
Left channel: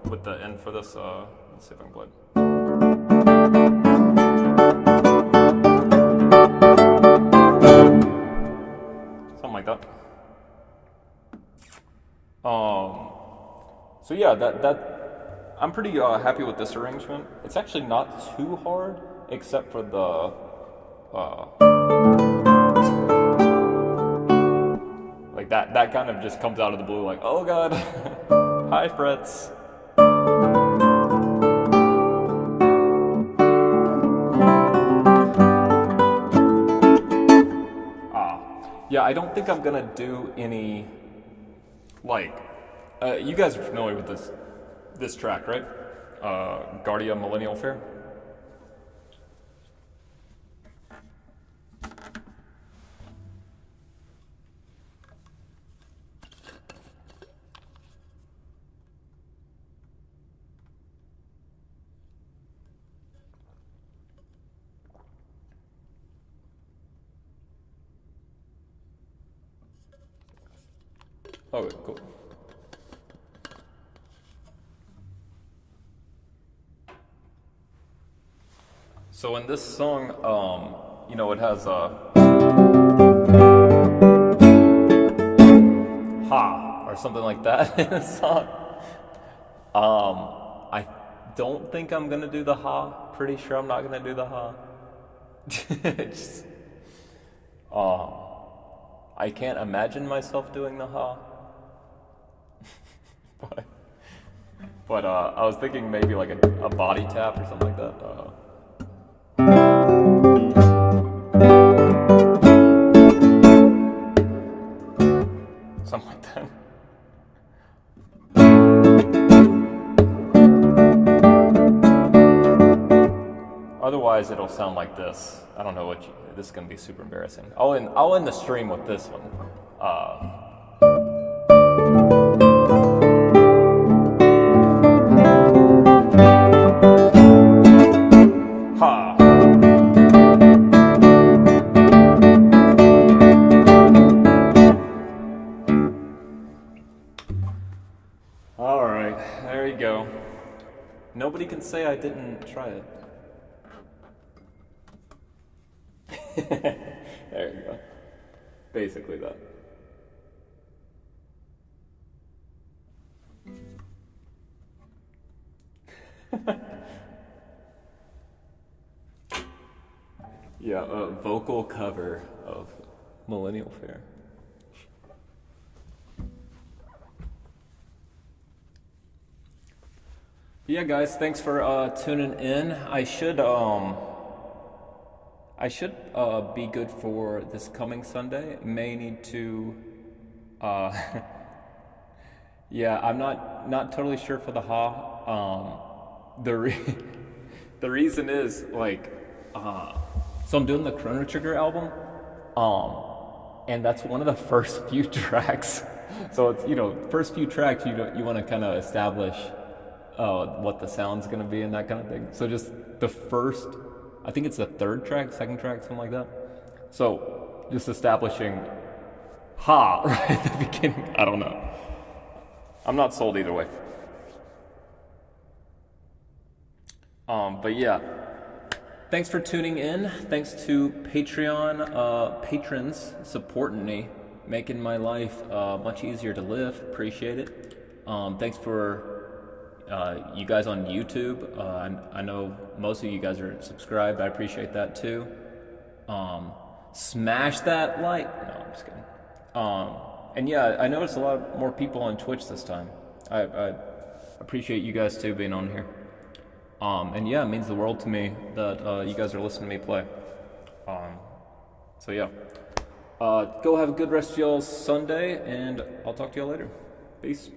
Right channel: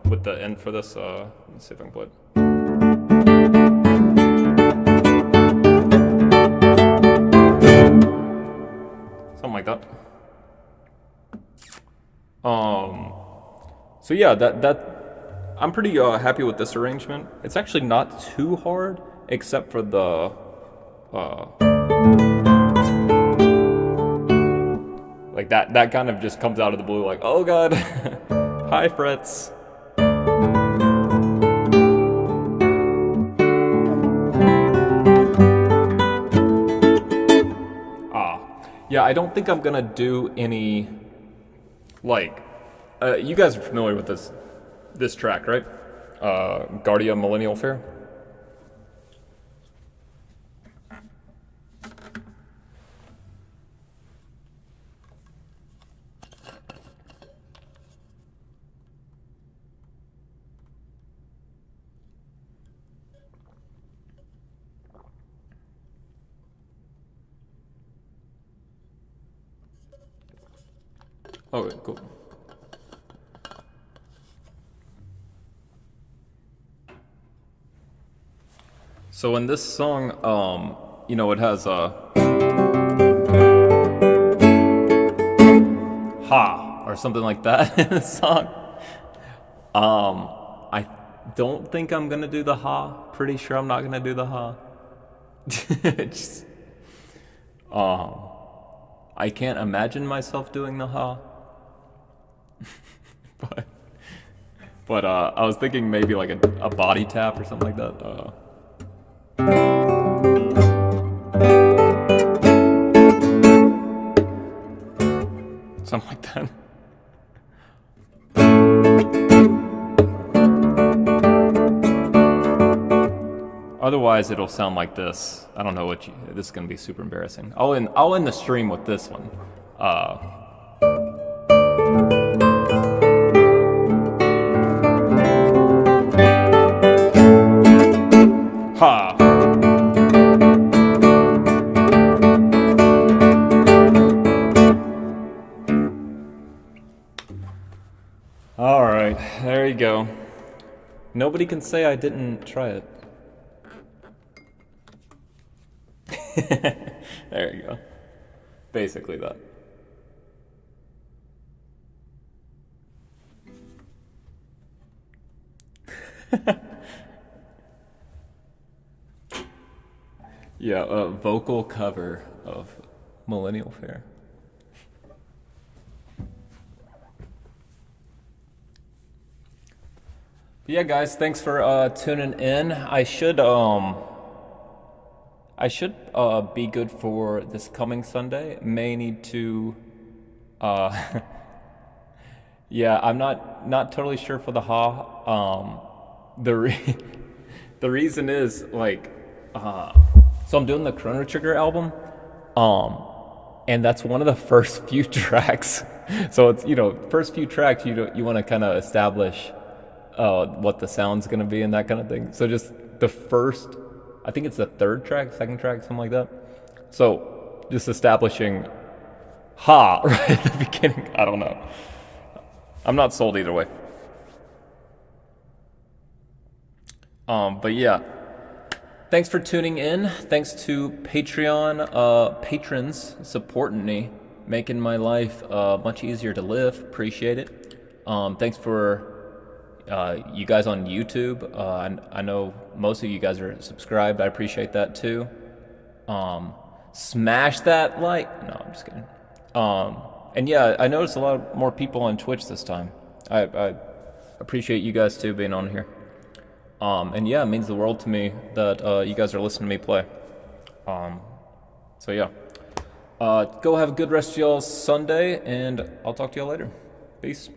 with the end for this. Let's see if I can play it. Something like that. So yeah, that I'm pretty happy with this arrangement. It's actually not too hard, except for the like that kind of just comes out of the blue, like, oh god, high frets. Yeah, I don't think I'm gonna do any like You guys are familiar with this track, right? Guardia Millennial Fair. Oh, cool. So in this song, it has a ha or something like that in the song. I don't think I'm gonna do the ha. Pretty sure I'm not gonna do the ha. Just, I can't imagine myself doing the ha. but I was thinking maybe like a body tap or something like that. Something like that. Otherwise, it'll sound like this. I don't know this is gonna be super embarrassing. I'll end the stream with this one. Ha. All right, there you go. Nobody can say I didn't try it. There you go. Basically that. Yeah, a vocal cover of Millennial Fair. But yeah, guys, thanks for tuning in. I should be good for this coming Sunday. May need to yeah, I'm not totally sure for the ha. The reason is like so I'm doing the Chrono Trigger album, and that's one of the first few tracks. So it's first few tracks you want to kind of establish what the sound's gonna be and that kind of thing. So just the first, I think it's the third track, second track, something like that. So just establishing ha right at the beginning. I don't know. I'm not sold either way. But yeah. Thanks for tuning in. Thanks to Patreon patrons supporting me, making my life much easier to live. Appreciate it. Thanks for you guys on YouTube. I know most of you guys are subscribed. I appreciate that too. Smash that like. No, I'm just kidding. And yeah, I noticed a lot more people on Twitch this time. I appreciate you guys too being on here. And yeah, it means the world to me that you guys are listening to me play. So yeah. Go have a good rest of y'all's Sunday, and I'll talk to y'all later. Peace.